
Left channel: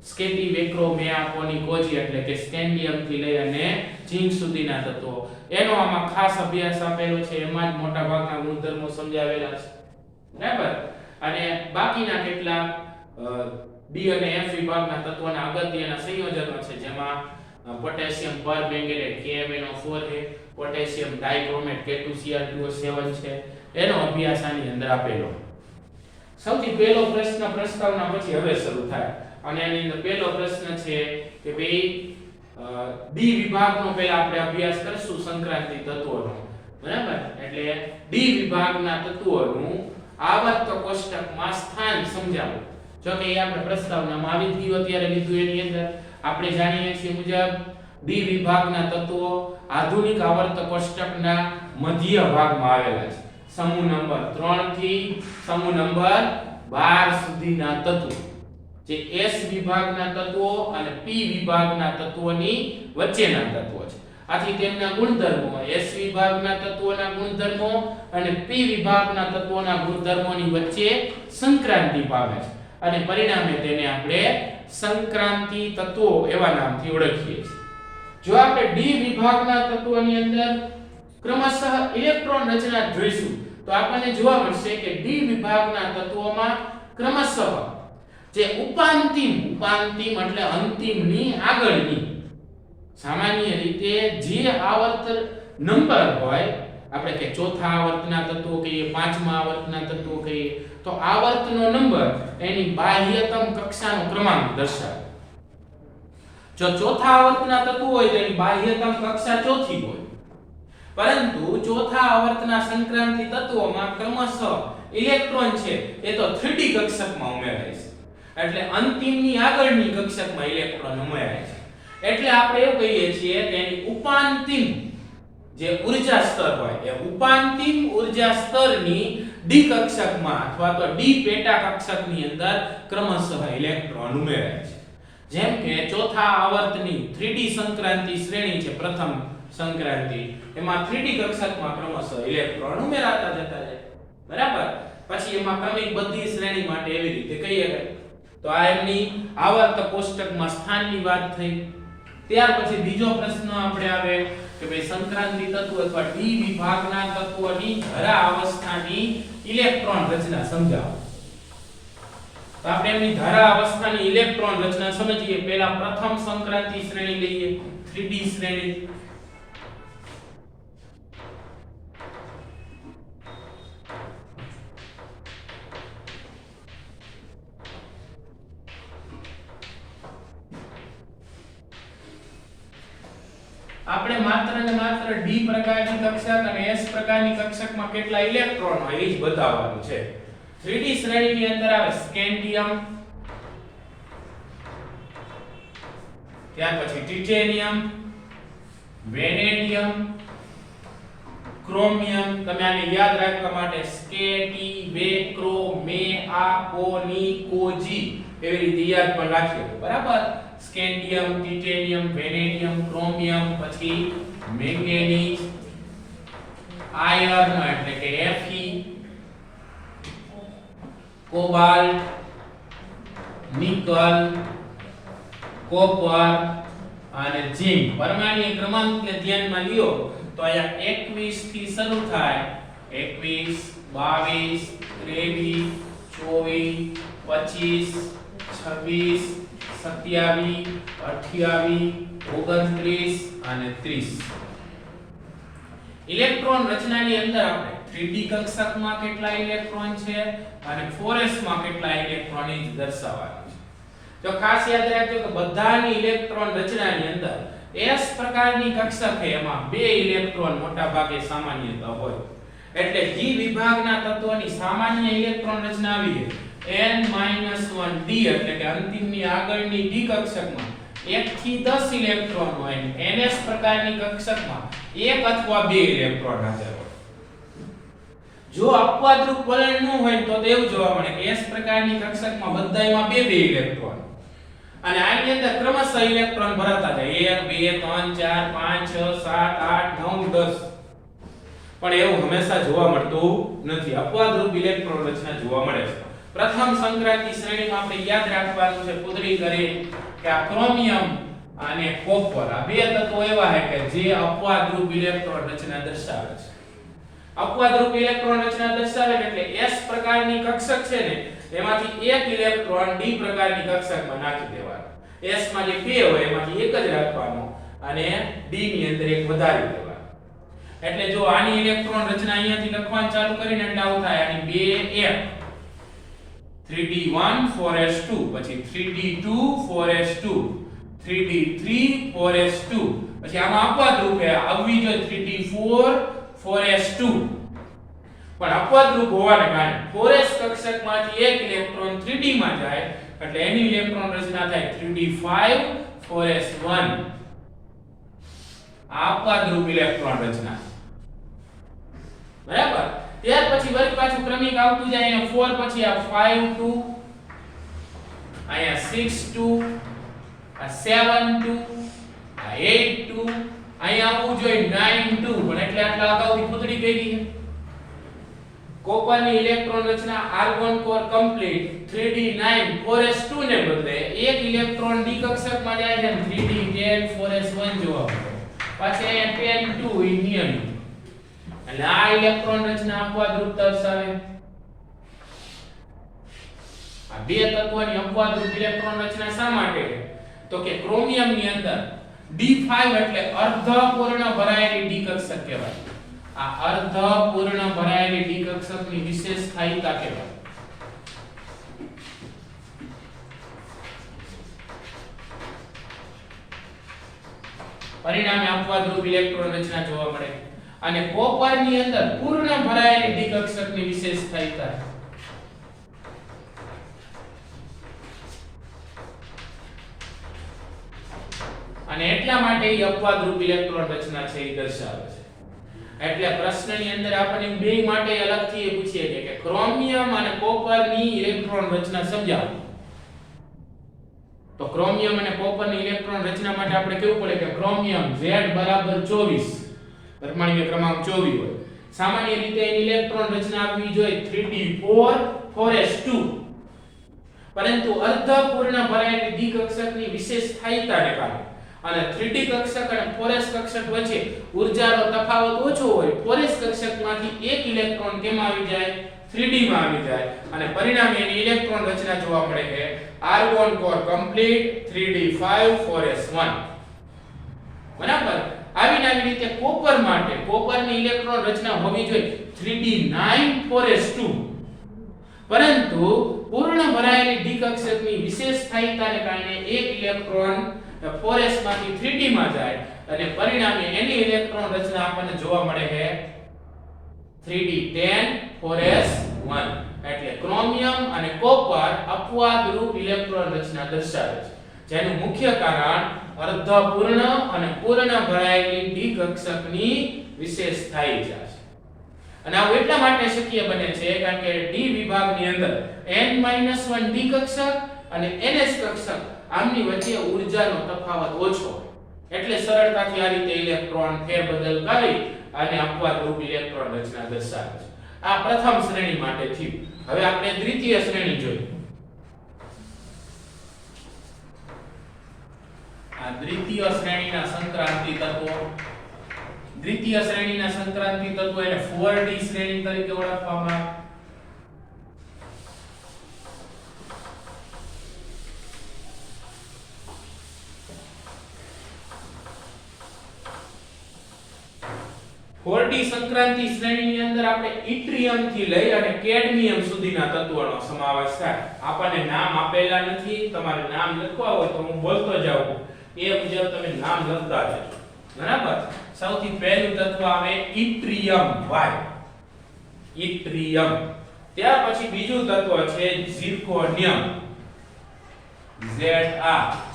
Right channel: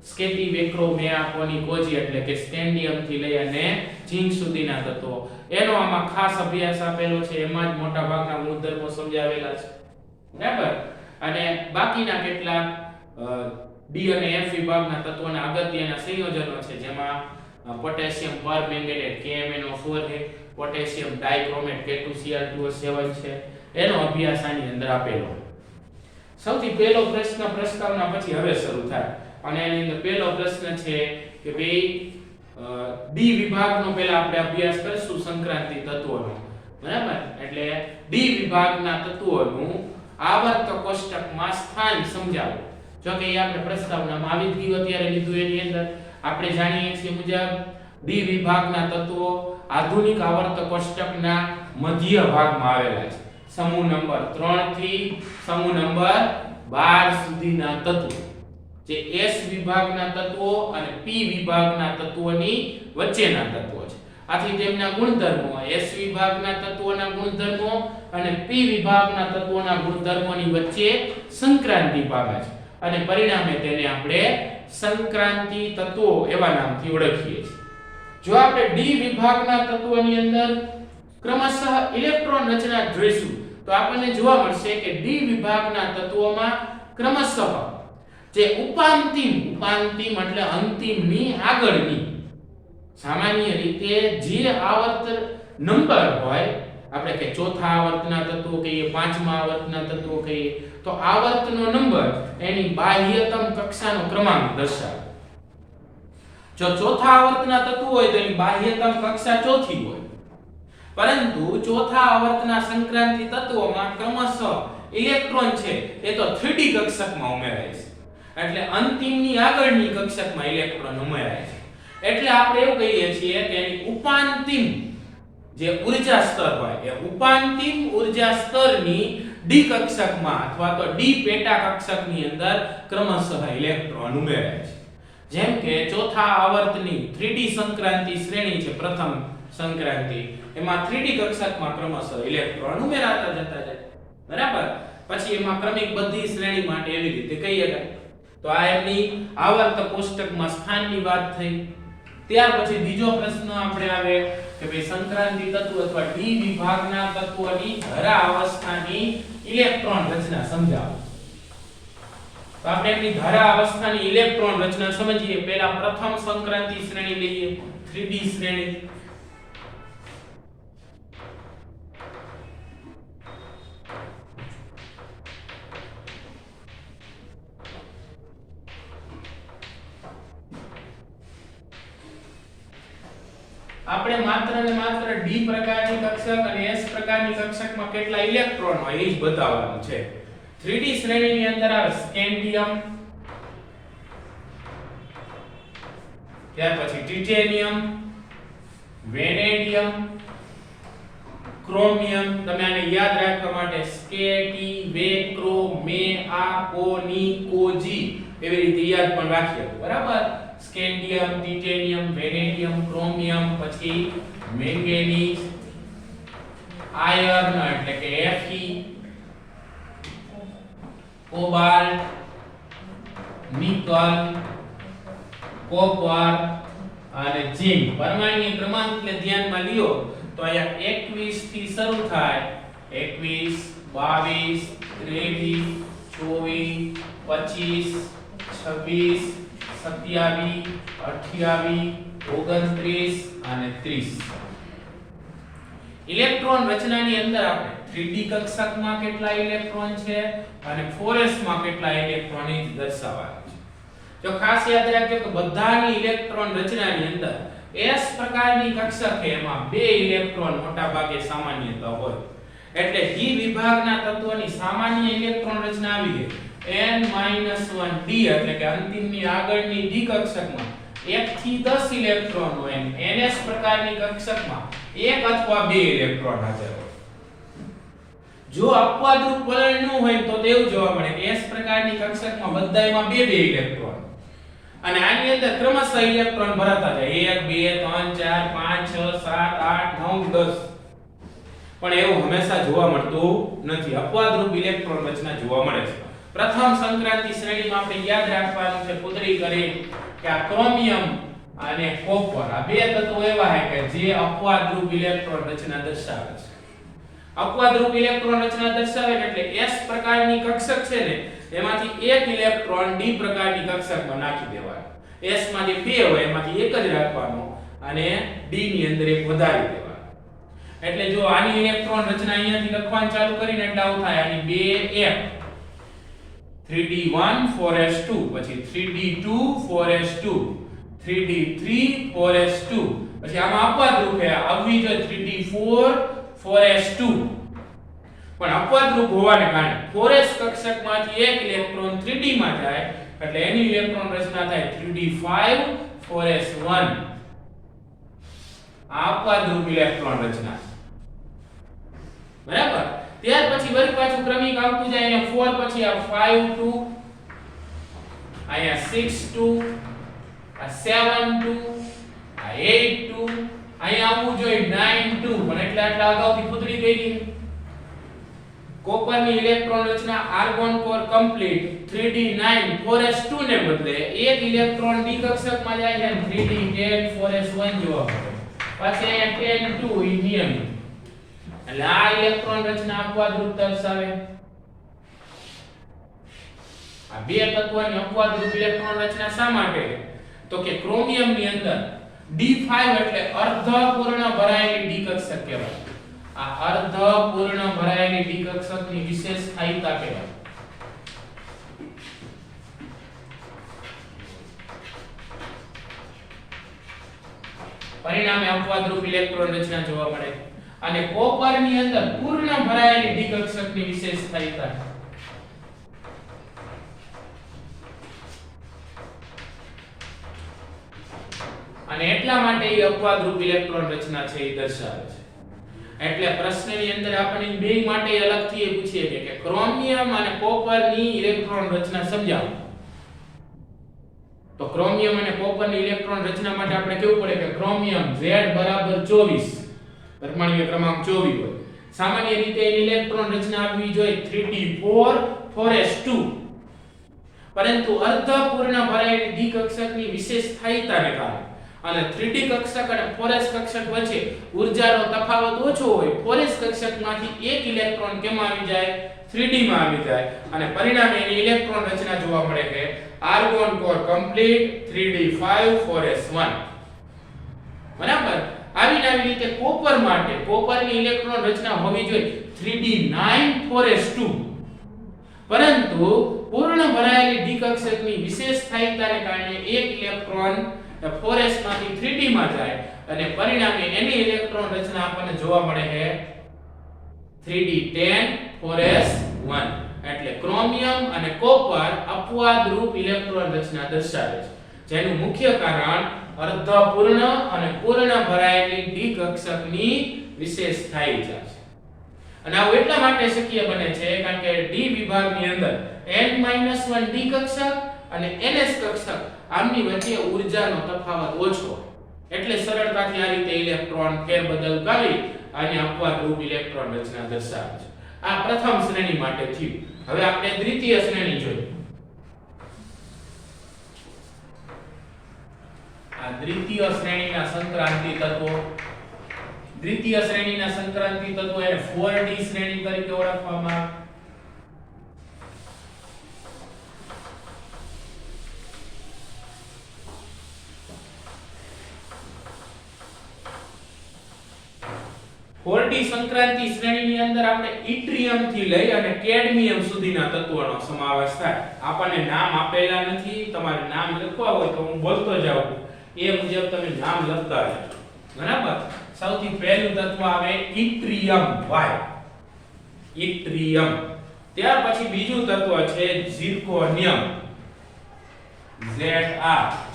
સ્કેટી, વેક્રો, મેયા, કોની, કોજી એટલે કે સ્કેન્ડિયમ થી લઈ અને ઝિંક સુધીના તત્વો, એનો આમાં ખાસ અભ્યાસ આપેલો છે. એમાં જ મોટા ભાગના ગુણધર્મો સમજાવેલા છે, બરાબર. અને બાકીના કેટલાક ડી અને એફ વિભાગના તત્વોના અગત્યના સંયોજનો છે જેમાં પોટેશિયમ પરમેંગનેટ KMnO4 છે, પોટેશિયમ ડાઇક્રોમેટ K2Cr2O7 છે. એનો અભ્યાસ આની અંદર આપેલો. સૌથી પહેલો પ્રશ્ન પ્રસ્તાવના પછી હવે શરૂ થાય અને એની અંદર પહેલો પ્રશ્ન છે કે ભાઈ ડી વિભાગનો પહેલા આપણે અભ્યાસ કરશું સંક્રાંતિ તત્વોનો, બરાબર. એટલે ડી વિભાગના તત્વોનું આવર્ત કોષ્ટકમાં સ્થાન સમજાવો. જો કે એ આપણે પ્રસ્તાવનામાં આવી જ ગયું, અત્યારે લીધું. એની અંદર આપણે જાણીએ છીએ મુજબ ડી વિભાગના તત્વો આધુનિક આવર્ત કોષ્ટકના મધ્ય ભાગમાં આવેલા છે. સમૂહ નંબર 3 થી સમૂહ નંબર 12 સુધીના તત્વો જે S વિભાગના તત્વો અને P વિભાગના તત્વોની વચ્ચેના તત્વો છે. આથી તેમના ગુણધર્મો S વિભાગના તત્વોના ગુણધર્મો અને P વિભાગના તત્વોના ગુણધર્મોની વચ્ચે સંક્રાંતિ પામે છે અને પરિણામે તેને આપણે સંક્રાંતિ તત્વો એવા નામથી ઓળખીએ છીએ. જો આપણે D વિભાગના તત્વોની અંદર ક્રમશઃ ઇલેક્ટ્રોન રચના જોઈશું તો આપણને જોવા મળશે કે D વિભાગના તત્વોમાં ક્રમશઃ જે ઉપાંતિમ એટલે અંતિમની આગળની સામાન્ય રીતે જે આવર્ત નંબર હોય, આપણે કે ચોથા આવર્તના તત્વો કહીએ, પાંચમા આવર્તના તત્વો કહીએ, તો આવર્તનો નંબર એની બાહ્યતમ કક્ષાનો ક્રમાંક દર્શાવે. જો ચોથા આવર્તના તત્વો હોય તો એની બાહ્યતમ કક્ષા ચોથી હોય. પરંતુ ચોથા આવર્તના સંક્રાંતિ તત્વોમાં ક્રમશઃ ઇલેક્ટ્રોન છે એ તો 3D કક્ષકમાં ઉમેરાય છે. એટલે અંતિમની આગળની કક્ષકમાં ઇલેક્ટ્રોન ઉમેરાય છે. એટલે આપણે એવું કહીએ છીએ કે એની ઉપાંતિમ જે ઊર્જા સ્તર હોય એ ઉપાંતિમ ઊર્જા સ્તરની ડી કક્ષકમાં અથવા તો ડી પેટા કક્ષકની અંદર ક્રમશઃ ઇલેક્ટ્રોન ઉમેરાય છે. જેમ કે ચોથા આવર્તની 3D સંક્રાંતિ શ્રેણી છે પ્રથમ સંક્રાંતિ, એમાં 3D કક્ષકમાં ક્રમશઃ ઇલેક્ટ્રોન ઉમેરાતા જતા જાય, બરાબર. પછી એમાં ક્રમિક બધી શ્રેણી માટે એવી રીતે કહીએ તો આ એમની આવર્ત કોષ્ટકમાં સ્થાનની વાત થઈ. ત્યાર પછી બીજો પ્રશ્ન આપણે આવે કે ભાઈ સંક્રાંતિ તત્વ અથવા ડી વિભાગના તત્વોની ધરા અવસ્થાની ઇલેક્ટ્રોન રચના સમજાવો. તો આપણે એમની ધરા અવસ્થાની ઇલેક્ટ્રોન રચના સમજીએ. પહેલા પ્રથમ સંક્રાંતિ શ્રેણી લઈએ, 3D શ્રેણી. આપણે માત્ર ને માત્ર d પ્રકારની કક્ષક અને s પ્રકારની કક્ષકમાં કેટલા ઇલેક્ટ્રોન હોય એ જ બતાવવાનું છે 3d શ્રેણીની અંદર આવે સ્કેન્ડિયમ ત્યાર પછી ટિટેનિયમ વેનેડિયમ ક્રોમિયમ તમે આને યાદ રાખવા માટે સ્કેટી વેક્રો મે આ કો ની કોજી એવી રીતે યાદ પણ રાખજો બરાબર સ્કેન્ડિયમ ટિટેનિયમ વેનેડિયમ ક્રોમિયમ પછી મેંગેનીઝ આયર્ન એટલે કે Fe કોબાલ્ટ નિકલ કોપર અને ઝિંક પરમાણ્વીય ક્રમાંકને ધ્યાનમાં લ્યો તો અહીંયા 21 થી શરૂ થાય 21 22 23 24 25 26 27 28 અને 30 ઇલેક્ટ્રોન રચનાની અંદર આપણે 3D કક્ષકમાં કેટલા ઇલેક્ટ્રોન છે અને 4s માં કેટલા ઇલેક્ટ્રોન એ દર્શાવવાનું છે જો ખાસ યાદ રાખજો કે બધાની ઇલેક્ટ્રોન રચનાની અંદર s પ્રકારની કક્ષક છે એમાં બે ઇલેક્ટ્રોન મોટા ભાગે સામાન્યતા હોય એટલે ડી વિભાગના તત્વોની સામાન્ય ઇલેક્ટ્રોન રચના આવી છે n-1d એટલે કે અંતિમની આગળની ડી કક્ષકમાં 1 થી 10 ઇલેક્ટ્રોન હોય અને ns પ્રકારની કક્ષકમાં 1 અથવા 2 ઇલેક્ટ્રોન હાજર હોય જો અપવાદરૂપ વલણ ન હોય તો તેવું જોવા મળે કે s પ્રકારની કક્ષકમાં બધાયમાં 2 ઇલેક્ટ્રોન અને આની અંદર ક્રમશઃ ઇલેક્ટ્રોન ભરાતા જાય 1 2 3 4 5 6 7 8 9 10 પણ એવું હંમેશા જોવા મળતું નથી અપવાદરૂપ ઇલેક્ટ્રોન રચના જોવા મળે છે પ્રથમ સંક્રાંતિ શ્રેણીમાં આપણે યાદ રાખવાનું છે પૂતળી કરી કે આ ક્રોમિયમ અને કોપર આ બે તત્વો એવા છે કે જે અપવાદરૂપ ઇલેક્ટ્રોન રચના દર્શાવે છે અપવાદરૂપ ઇલેક્ટ્રોન રચના દર્શાવે એટલે s પ્રકારની કક્ષક છે ને એમાંથી એક ઇલેક્ટ્રોન d પ્રકારની કક્ષકમાં નાખી દેવાનો s માં જે બે હોય એમાંથી એક જ રાખવાનો અને d ની અંદર એક વધારી દેવાનો એટલે જો આની ઇલેક્ટ્રોન રચના અહીંયાથી લખવાનું ચાલુ કરીને એટલે આવું થાય આની 2 f 3d1 4s2 પછી 3d2 4s2 3d3 4s2 પછી આમાં અપવાદરૂપ છે આવવી જોઈએ 3d4 4s2 પણ અપવાદરૂપ હોવાને કારણે 4s કક્ષકમાંથી એક ઇલેક્ટ્રોન 3d માં જાય એટલે એની ઇલેક્ટ્રોન રચના થાય 3d5 4s1 આ અપવાદરૂપ ઇલેક્ટ્રોન રચના બરાબર ત્યાર પછી વળી પાછું ક્રમિક આવતું જાય અહીંયા 4 પછી આ 5 2 અહીંયા 6 2 આ 7 2 આ 8 2 અહીંયા આવવું જોઈએ 9 2 પણ એટલે આટલા અગાઉથી પૂતળી થઈ ગઈ કોપરની ઇલેક્ટ્રોન રચના argon core complete 3d9 4s2 ને બદલે એક ઇલેક્ટ્રોન d કક્ષકમાં જાય છે 3d10 4s1 જોવા મળે પછી અહીંયા 10 2 એ નિયમિત એટલે આ ઇલેક્ટ્રોન રચના અપવાદરૂપ દર્શાવે આ બે તત્વોની અપવાદરૂપ ઇલેક્ટ્રોન રચના શા માટે તો કે ક્રોમિયમ ની અંદર d5 એટલે અર્ધપૂર્ણ ભરાયેલી ડી કક્ષક કહેવાય આ અર્ધપૂર્ણ ભરાયેલી ડી કક્ષકની વિશેષ સ્થાયીતા કહેવાય પરિણામે અપવાદરૂપ ઇલેક્ટ્રોન રચના જોવા મળે અને કોપર ની અંદર પૂર્ણ ભરાયેલી ડી કક્ષકની વિશેષ સ્થાયીતા અને એટલા માટે એ અપવાદરૂપ ઇલેક્ટ્રોન રચના છે એ દર્શાવે છે એટલે પ્રશ્નની અંદર આપણે બે માટે અલગથી એ પૂછીએ કે ક્રોમિયમ અને કોપરની ઇલેક્ટ્રોન રચના સમજાવો તો ક્રોમિયમ અને કોપરની ઇલેક્ટ્રોન રચના માટે આપણે કેવું પડે કે ક્રોમિયમ Z બરાબર 24 પરમાણ્વીય ક્રમાંક 24 હોય સામાન્ય રીતે એની ઇલેક્ટ્રોન રચના આવવી જોઈએ 3d4 4s2 પરંતુ અર્ધપૂર્ણ ભરાયેલી ડી કક્ષકની વિશેષ સ્થાયીતાને કારણે અને 3d કક્ષક અને 4s કક્ષક વચ્ચે ઊર્જાનો તફાવત ઓછો હોય 4s કક્ષકમાંથી એક ઇલેક્ટ્રોન કેમાં આવી જાય 3d માં આવી જાય અને પરિણામે એની ઇલેક્ટ્રોન રચના જોવા મળે કે argon core complete 3d5 4s1 બરાબર આવી રીતે કોપર માટે કોપરની ઇલેક્ટ્રોન રચના હોવી જોઈએ 3d9 4s2 પરંતુ પૂર્ણ ભરાયેલી ડી કક્ષકની વિશેષ સ્થાયીતાને કારણે એક ઇલેક્ટ્રોન એ 4s માંથી 3d માં જાય અને પરિણામે એની ઇલેક્ટ્રોન રચના આપણને જોવા મળે છે 3d10 4s1 એટલે ક્રોમિયમ અને કોપર અપવાદરૂપ ઇલેક્ટ્રોન રચના દર્શાવે છે જેનું મુખ્ય કારણ અર્ધપૂર્ણ અને પૂર્ણ ભરાયેલી ડી કક્ષકની વિશેષતા છે અને આ એટલા માટે શક્ય બને છે કારણ કે ડી વિભાગની અંદર n-1 ડી કક્ષક અને ns કક્ષક આમની વચ્ચે ઊર્જાનો તફાવત ઓછો એટલે સરળતાથી આ રીતે ઇલેક્ટ્રોન ફેરબદલ કરી અને અપવાદરૂપ ઇલેક્ટ્રોન રચના દર્શાવે છે આ પ્રથમ શ્રેણી માટે થયું હવે આપણે દ્વિતીય શ્રેણી જોઈએ આ દ્વિતીય શ્રેણીના સંક્રાંતિ તત્વો દ્વિતીય શ્રેણીના સંક્રાંતિ તત્વો એને 4d શ્રેણી તરીકે ઓળખવામાં આવે 4d સંક્રાંતિ શ્રેણીની અંદર આપણે ઇટ્રિયમ થી લઈ અને કેડમિયમ સુધીના તત્વોનો સમાવેશ થાય આપણને નામ આપેલા નથી તમારે નામ લખવા હોય તો હું બોલતો જાઉં એ મુજબ તમે નામ લખતા રહેજો બરાબર સૌથી પહેલું તત્વ આવે ઇટ્રિયમ ઇટ્રિયમ ત્યાર પછી બીજું તત્વ છે ઝિર્કોનિયમ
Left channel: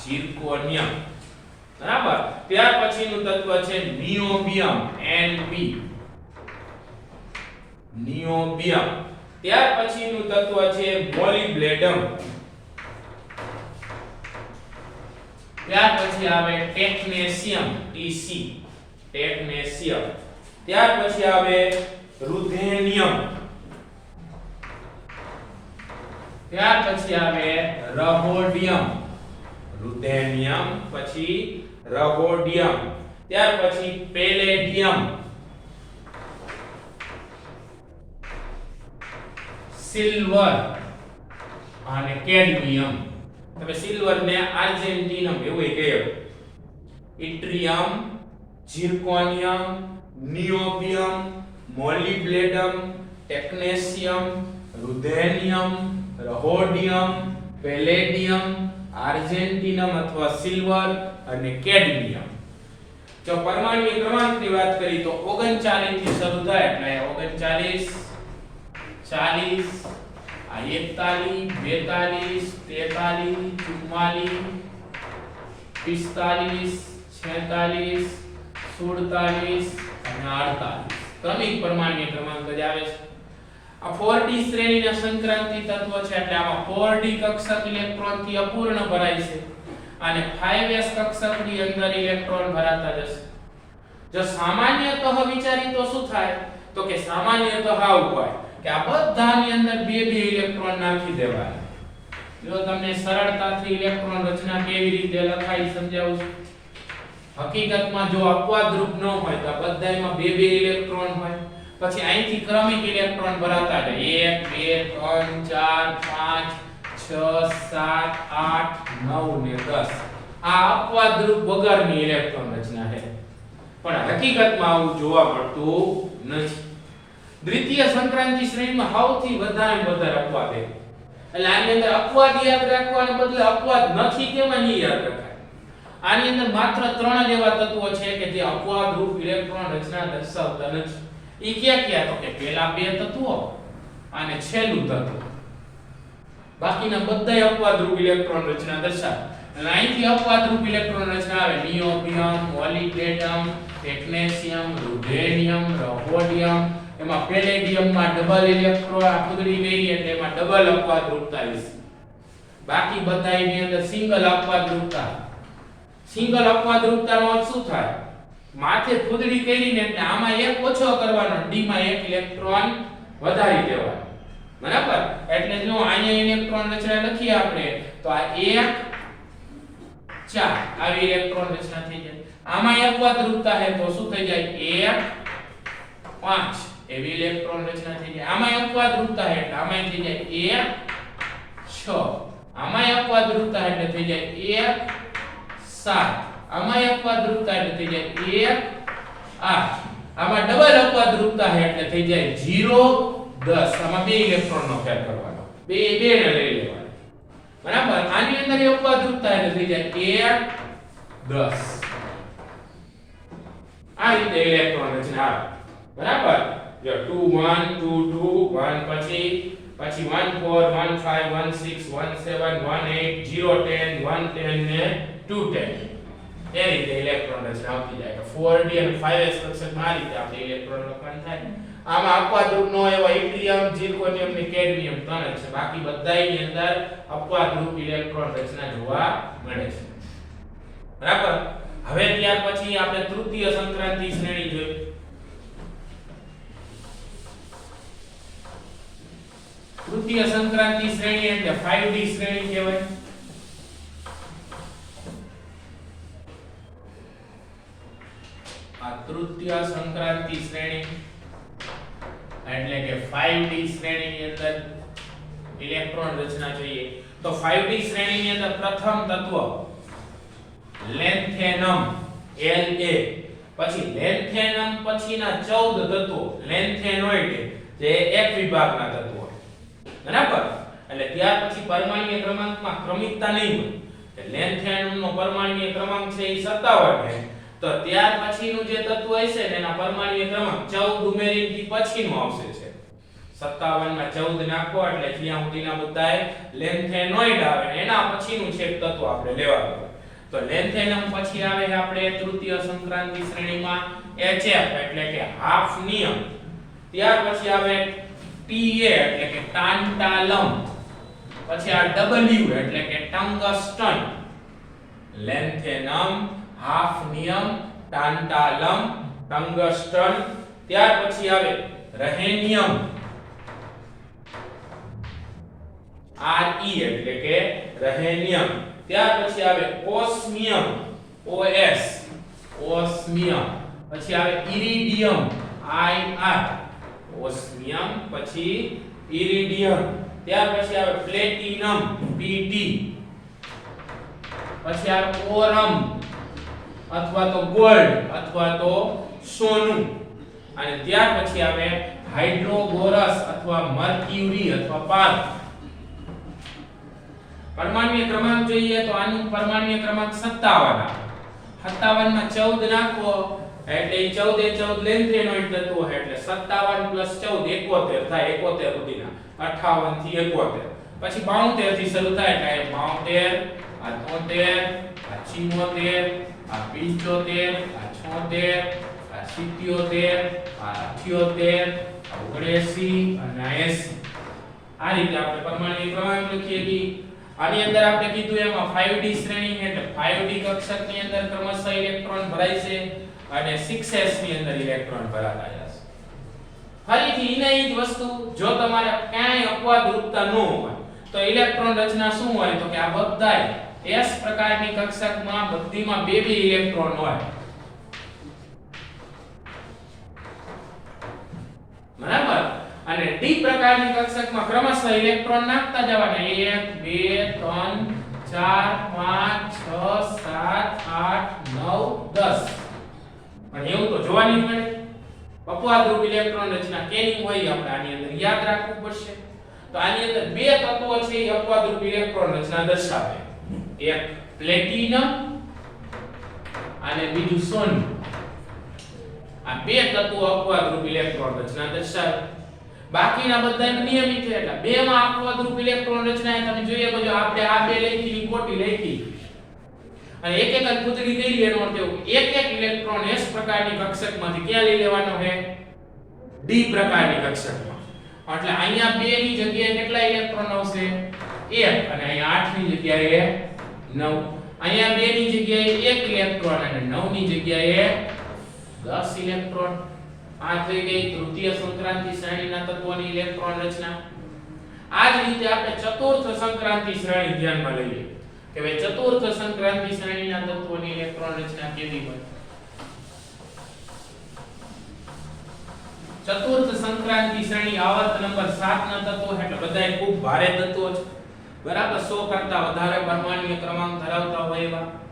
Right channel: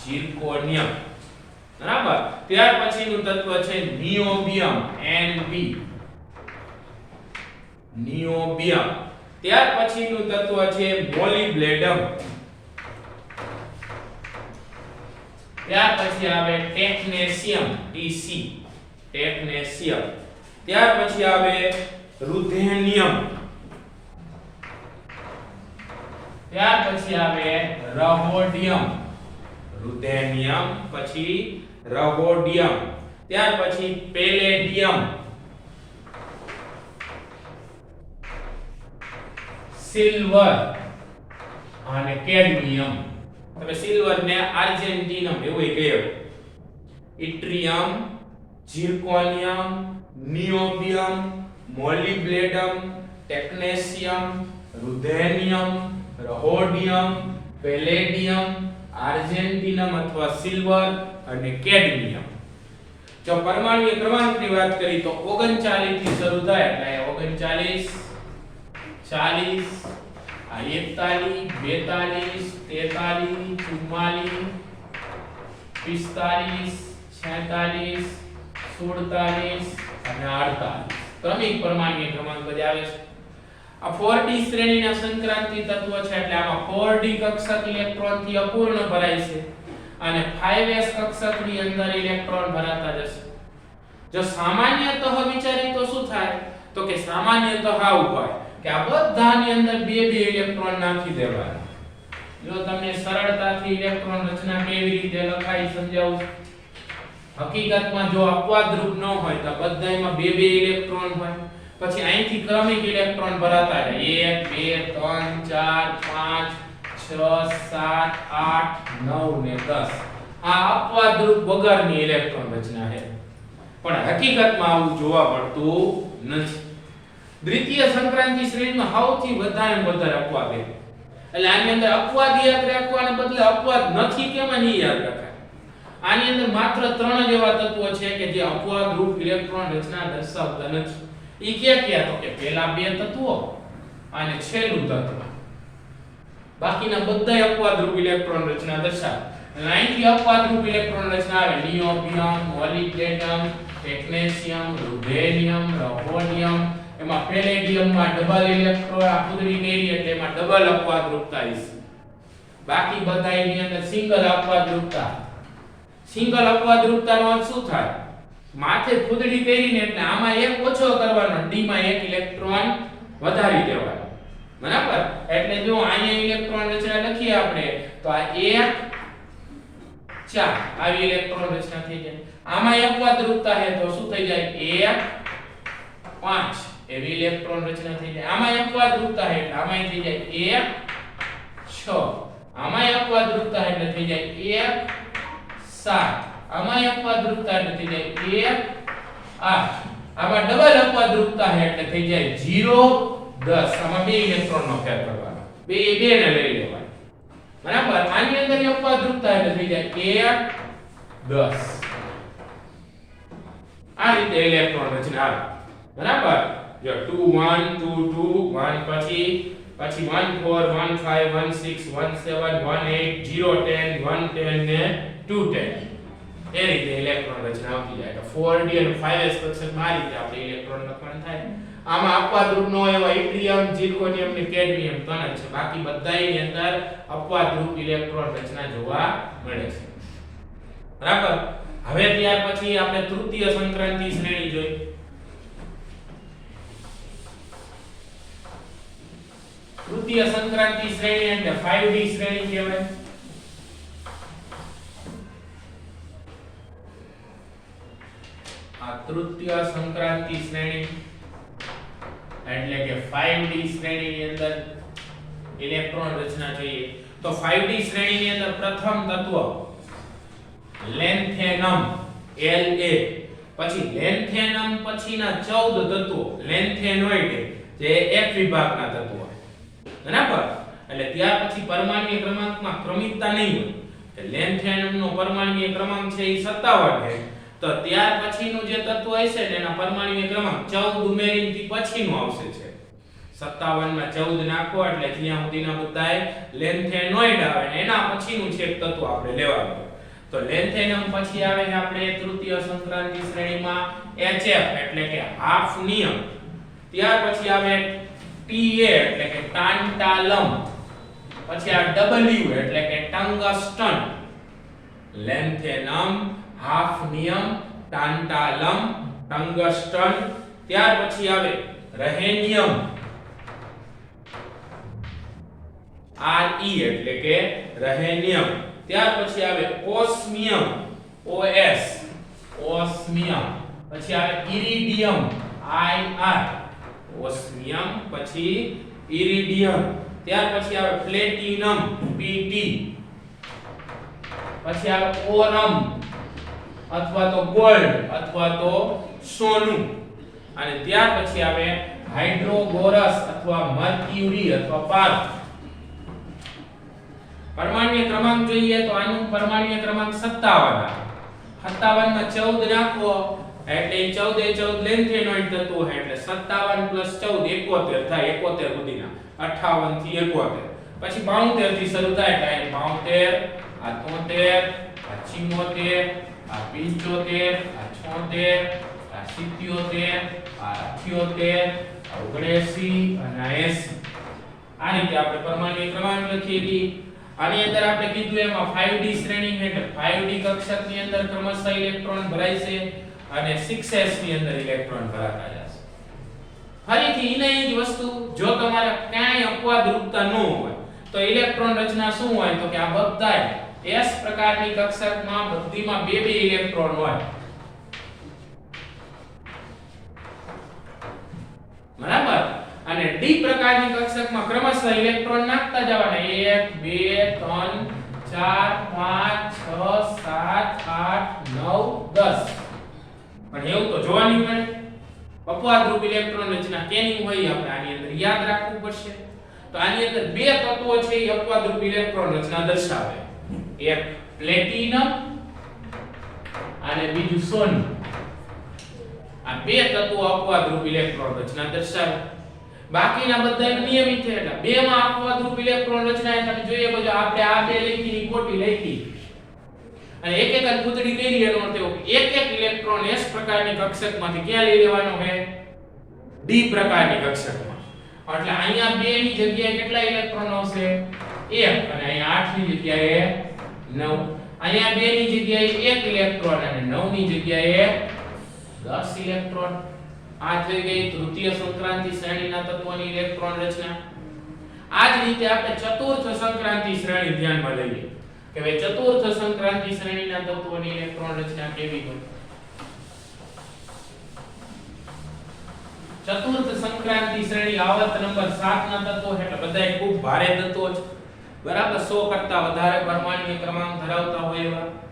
ઝિર્કોનિયમ બરાબર ત્યાર પછીનું તત્વ છે નિયોબિયમ નિયોબિયમ ત્યાર પછીનું તત્વ છે મોલિબ્લેડમ ત્યાર પછી આવે ટેકનેશિયમ ટેકનેશિયમ ત્યાર પછી આવે રુધેનિયમ ત્યાર પછી આવે રહોડિયમ રુધેનિયમ પછી રહોડિયમ ત્યાર પછી પેલેડિયમ સિલ્વર અને કેડમિયમ તમે સિલ્વર ને આર્જેન્ટિનમ એવું કહે ઇટ્રિયમ ઝિર્કોનિયમ નિયોબિયમ મોલિબ્લેડમ ટેકનેશિયમ રુધેનિયમ રહોડિયમ પેલેડિયમ આર્જેન્ટિનમ અથવા સિલ્વર અને કેડમિયમ જો પરમાણુય ક્રમાંકની વાત કરી તો 39 થી શરૂ થાય એટલે 39 40 આ 41 42 43 44 45 46 અને 48 ક્રમિક પરમાણુય ક્રમાંક જ આવે છે આ 4d શ્રેણીના સંક્રાંતિ તત્વ છે એટલે આમાં 4d કક્ષક ઇલેક્ટ્રોન થી અપૂર્ણ ભરાય છે અને 5s કક્ષકની અંદર ઇલેક્ટ્રોન ભરાતા જશે જો સામાન્યતઃ વિચારી તો શું થાય તો કે સામાન્યતઃ આવું હોય કે આ બધાની અંદર બે ઇલેક્ટ્રોન નાખી દેવાના જો તમને સરળતાથી ઇલેક્ટ્રોન રચના કેવી રીતે લખાય સમજાવું હકીકતમાં જો અપવાદરૂપ ન હોય તો બધાયમાં બે ઇલેક્ટ્રોન હોય પછી અહીંથી ક્રમિક ઇલેક્ટ્રોન ભરાતા જાય 1 2 3 4 5 6 7 8 9 ને 10 આ અપવાદરૂપ વગરની ઇલેક્ટ્રોન રચના છે પણ હકીકતમાં આવું જોવા મળતું નથી દ્વિતીય સંક્રાંતિ શ્રેણીમાં સૌથી વધારે અપવાદ છે એટલે આની અંદર અપવાદ યાદ રાખવાને બદલે અપવાદ નથી કેમ નહીં યાદ રખાય આની અંદર માત્ર 3 જ એવા તત્વો છે કે જે અપવાદરૂપ ઇલેક્ટ્રોન રચના દર્શાવતા નથી ઈ ક્યાં તો કે પહેલા બે તત્વો અને છેલ્લું તત્વ બાકીના બધા અપવાદરૂપ ઇલેક્ટ્રોન રચના દર્શાવે લાઈનથી અપવાદરૂપ ઇલેક્ટ્રોન રચના આવે નિયોબિયમ મોલિબ્લેડમ ટેકનેશિયમ રુધેનિયમ રહોડિયમ એમાં પેલેડિયમમાં ડબલ ઇલેક્ટ્રોન આપુદડી મેરી એટલે એમાં ડબલ અપવાદરૂપતા છે બાકી બધા એની અંદર સિંગલ અપવાદરૂપતા નો શું થાય માથે ફૂદડી પહેરીને એટલે આમાં એક ઓછો કરવાનો ડી માં એક ઇલેક્ટ્રોન વધારી દેવાનો બરાબર એટલે જો અહીંયા ઇલેક્ટ્રોન રચના લખીએ આપણે તો આ 1 4 આવી ઇલેક્ટ્રોન રચના થઈ જાય આમાં એક અપવાદરૂપતા છે તો શું થઈ જાય 1 5 એવી ઇલેક્ટ્રોન રચના થઈ જાય આમાં એક અપવાદરૂપતા છે એટલે આમાં થઈ જાય 1 6 આમાં એક અપવાદરૂપતા એટલે થઈ જાય 1 7 આમાં એક અપવાદરૂપતા એટલે થઈ જાય 1 8 આમાં ડબલ અપવાદરૂપતા છે એટલે થઈ જાય 0 10 આમાં બે ઇલેક્ટ્રોન નો ફેર કરવાનો બે ને લઈ લેવાનો બરાબર આની અંદર અપવાદરૂપતા એટલે થઈ જાય 1 10 આ રીતે ઇલેક્ટ્રોન રચના આવે બરાબર જો 2 1 2 2 1 પછી 1 4 1 5 1 6 1 7 1 8 0 10 1 10 ને 2 10 એ રીતે ઇલેક્ટ્રોન રચના આવતી જાય 4d અને 5s કક્ષકમાં આ રીતે આપણે ઇલેક્ટ્રોન લખાણ થાય આમાં અપવાદ રૂપનો એવા ઇટ્રિયમ ઝિર્કોનિયમ ને કેડમિયમ ત્રણ છે બાકી બધાયની અંદર અપવાદ રૂપ ઇલેક્ટ્રોન રચના જોવા મળે છે બરાબર હવે ત્યાર પછી આપણે તૃતીય સંક્રાંતિ શ્રેણી જોઈ તૃતીય સંક્રાંતિ શ્રેણી એટલે 5d શ્રેણી કહેવાય આ તૃતીય સંક્રાંતિ શ્રેણી એટલે કે 5d શ્રેણીની અંદર ઇલેક્ટ્રોન રચના જોઈએ તો 5d શ્રેણીની અંદર પ્રથમ તત્વ લેન્થેનમ La પછી લેન્થેનમ પછીના 14 તત્વો લેન્થેનોઇડ જે એક વિભાગના તત્વો બરાબર એટલે ત્યાર પછી પરમાણ્વીય ક્રમાંકમાં ક્રમિકતા નહીં હોય કે લેન્થેનમનો પરમાણ્વીય ક્રમાંક છે એ 57 છે તો ત્યાર પછીનું જે તત્વ હશે તેના પરમાણ્વીય ક્રમાંક 14 ઉમેરીથી પછીનું આવશે છે 57 માં 14 નાખો એટલે જ્યાં સુધીના બધાય લેન્થેનોઇડ આવે ને એના પછીનું છે તત્વ આપણે લેવાનું તો લેન્થેનમ પછી આવે આપણે તૃતીય સંક્રાંતિ શ્રેણીમાં HF એટલે કે હાફ નિયમ ત્યાર પછી આવે Ta એટલે કે ટાન્ટાલમ પછી આ W એટલે કે ટંગસ્ટન લેન્થેનમ હાફ નિયમ ટાન્ટાલમ ટંગસ્ટન ત્યાર પછી આવે રહેનિયમ Re એટલે કે રહેનિયમ ત્યાર પછી આવે ઓસ્મિયમ OS ઓસ્મિયમ પછી આવે ઇરિડિયમ IR ઓસ્મિયમ પછી ઇરિડિયમ ત્યાર પછી આવે પ્લેટિનમ PT પછી આવે ઓરમ અથવા તો ગોલ્ડ અથવા તો સોનું અને ત્યાર પછી આવે હાઇડ્રોગોરસ અથવા મર્ક્યુરી અથવા પાર્થ પરમાણ્વીય ક્રમાંક જોઈએ તો આનું પરમાણ્વીય ક્રમાંક 57 માં 14 નાખો એટલે 14 લેન્થેનોઇડ તત્વો એટલે 57 + 14 71 થાય 71 સુધીના 58 થી 71 પછી 72 થી શરૂ થાય એટલે 72 આ 73 આ 74 આ 75 આ 77 આ 78 આ 79 અને 80 આ રીતે આપણે પરમાણ્વીય ક્રમાંક લખીએ છીએ આની અંદર આપણે કીધું એમાં 5d શ્રેણી એટલે 5d કક્ષકની અંદર ક્રમશઃ ઇલેક્ટ્રોન ભરાય છે અને 6s ની અંદર ઇલેક્ટ્રોન ભરાતા જશે ફરીથી એની જ વસ્તુ જો તમારે ક્યાંય અપવાદ રૂપતા ન હોય તો ઇલેક્ટ્રોન રચના શું હોય તો કે આ બધાય s પ્રકારની કક્ષકમાં બધીમાં બે ઇલેક્ટ્રોન હોય બરાબર અને d પ્રકારની કક્ષકમાં ક્રમશઃ ઇલેક્ટ્રોન નાખતા જવાના 1 2 3 4 5 6 7 8 9 10 પણ એવું તો જોવાની મળે અપવાદ રૂપ ઇલેક્ટ્રોન રચના કેની હોય આપણે આની અંદર યાદ રાખવું પડશે તો આની અંદર બે તત્વો છે એ અપવાદ રૂપ ઇલેક્ટ્રોન રચના દર્શાવે એક પ્લેટિનમ અને બીજું સોનું આ બે તત્વો અપવાદ રૂપ ઇલેક્ટ્રોન રચના દર્શાવે બાકીના બધા નિયમિત છે એટલે બે માં અપવાદ રૂપ ઇલેક્ટ્રોન રચના તમે જોઈએ બધું આપણે આ બે લખીની ખોટી લખી અને એક એક પૂતળી કરી એનો અર્થ એવો એક એક ઇલેક્ટ્રોન s પ્રકારની કક્ષકમાંથી ક્યાં લઈ લેવાનો છે d પ્રકારની કક્ષકમાં એટલે અહીંયા 2 ની જગ્યાએ કેટલા ઇલેક્ટ્રોન આવશે 1 અને અહીંયા 8 ની જગ્યાએ 9 અહીંયા 2 ની જગ્યાએ 1 ઇલેક્ટ્રોન અને 9 ની જગ્યાએ 10 ઇલેક્ટ્રોન આ થઈ ગઈ તૃતીય સંક્રાંતિ શ્રેણીના તત્વોની ઇલેક્ટ્રોન રચના આ જ રીતે આપણે ચતુર્થ સંક્રાંતિ શ્રેણી ધ્યાનમાં લઈએ કે ભાઈ ચતુર્થ સંક્રાંતિ શ્રેણીના તત્વોની ઇલેક્ટ્રોન રચના કેવી હોય ચતુર્થ સંક્રાંતિ શ્રેણી આવર્ત નંબર 7 ના તત્વો એટલે બધાય ખૂબ ભારે તત્વો છે બરાબર 100 કરતા વધારે પરમાણ્વીય ક્રમાંક ધરાવતા હોય એવા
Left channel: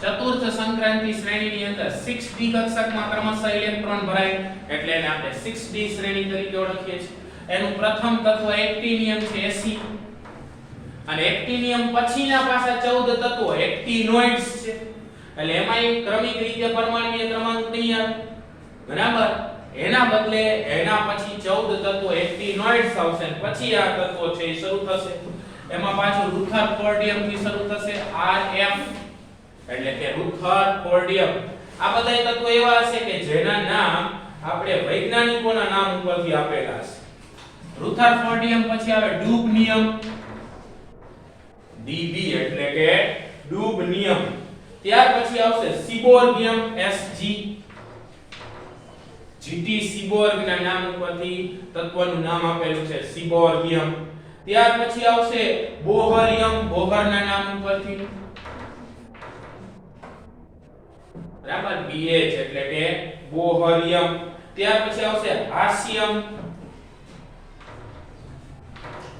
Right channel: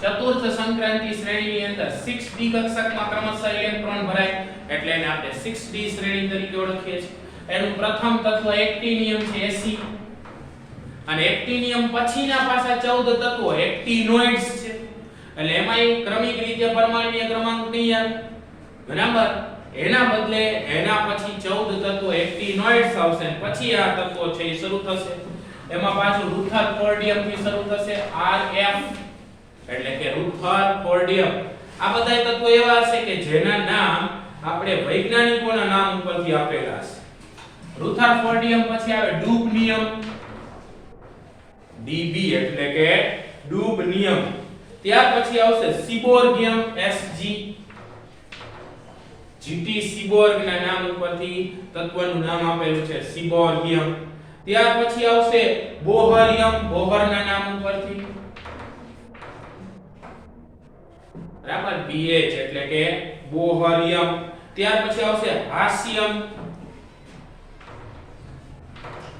ચતુર્થ સંક્રાંતિ શ્રેણીની અંદર 6d કક્ષકમાં ક્રમશઃ ઇલેક્ટ્રોન ભરાય એટલે એને આપણે 6d શ્રેણી તરીકે ઓળખીએ છીએ એનું પ્રથમ તત્વ એક્ટિનિયમ છે Fe અને એક્ટિનિયમ પછીના પાછા 14 તત્વો એક્ટિનોઇડ્સ છે એટલે એમાંય ક્રમિક રીતે પરમાણ્વીય ક્રમાંક નહીં આવે બરાબર એના બદલે એના પછી 14 તત્વો એક્ટિનોઇડ્સ આવશે અને પછી આ તત્વો છે એ શરૂ થશે એમાં પાછું રુથરફોર્ડિયમ થી શરૂ થશે RF એટલે કે રુથરફોર્ડિયમ આ બધા તત્વો એવા હશે કે જેના નામ આપણે વૈજ્ઞાનિકોના નામ ઉપરથી આપેલા છે રુથરફોર્ડિયમ પછી આવે ડુબનિયમ Db એટલે કે ડુબનિયમ ત્યાર પછી આવશે સિબોર્ગિયમ Sg GT સિબોર્ગ ના નામ ઉપરથી તત્વનું નામ આપેલું છે સિબોર્ગિયમ ત્યાર પછી આવશે બોહરિયમ બોહર ના નામ ઉપરથી બરાબર BH એટલે કે બોહરિયમ ત્યાર પછી આવશે હાસ્યમ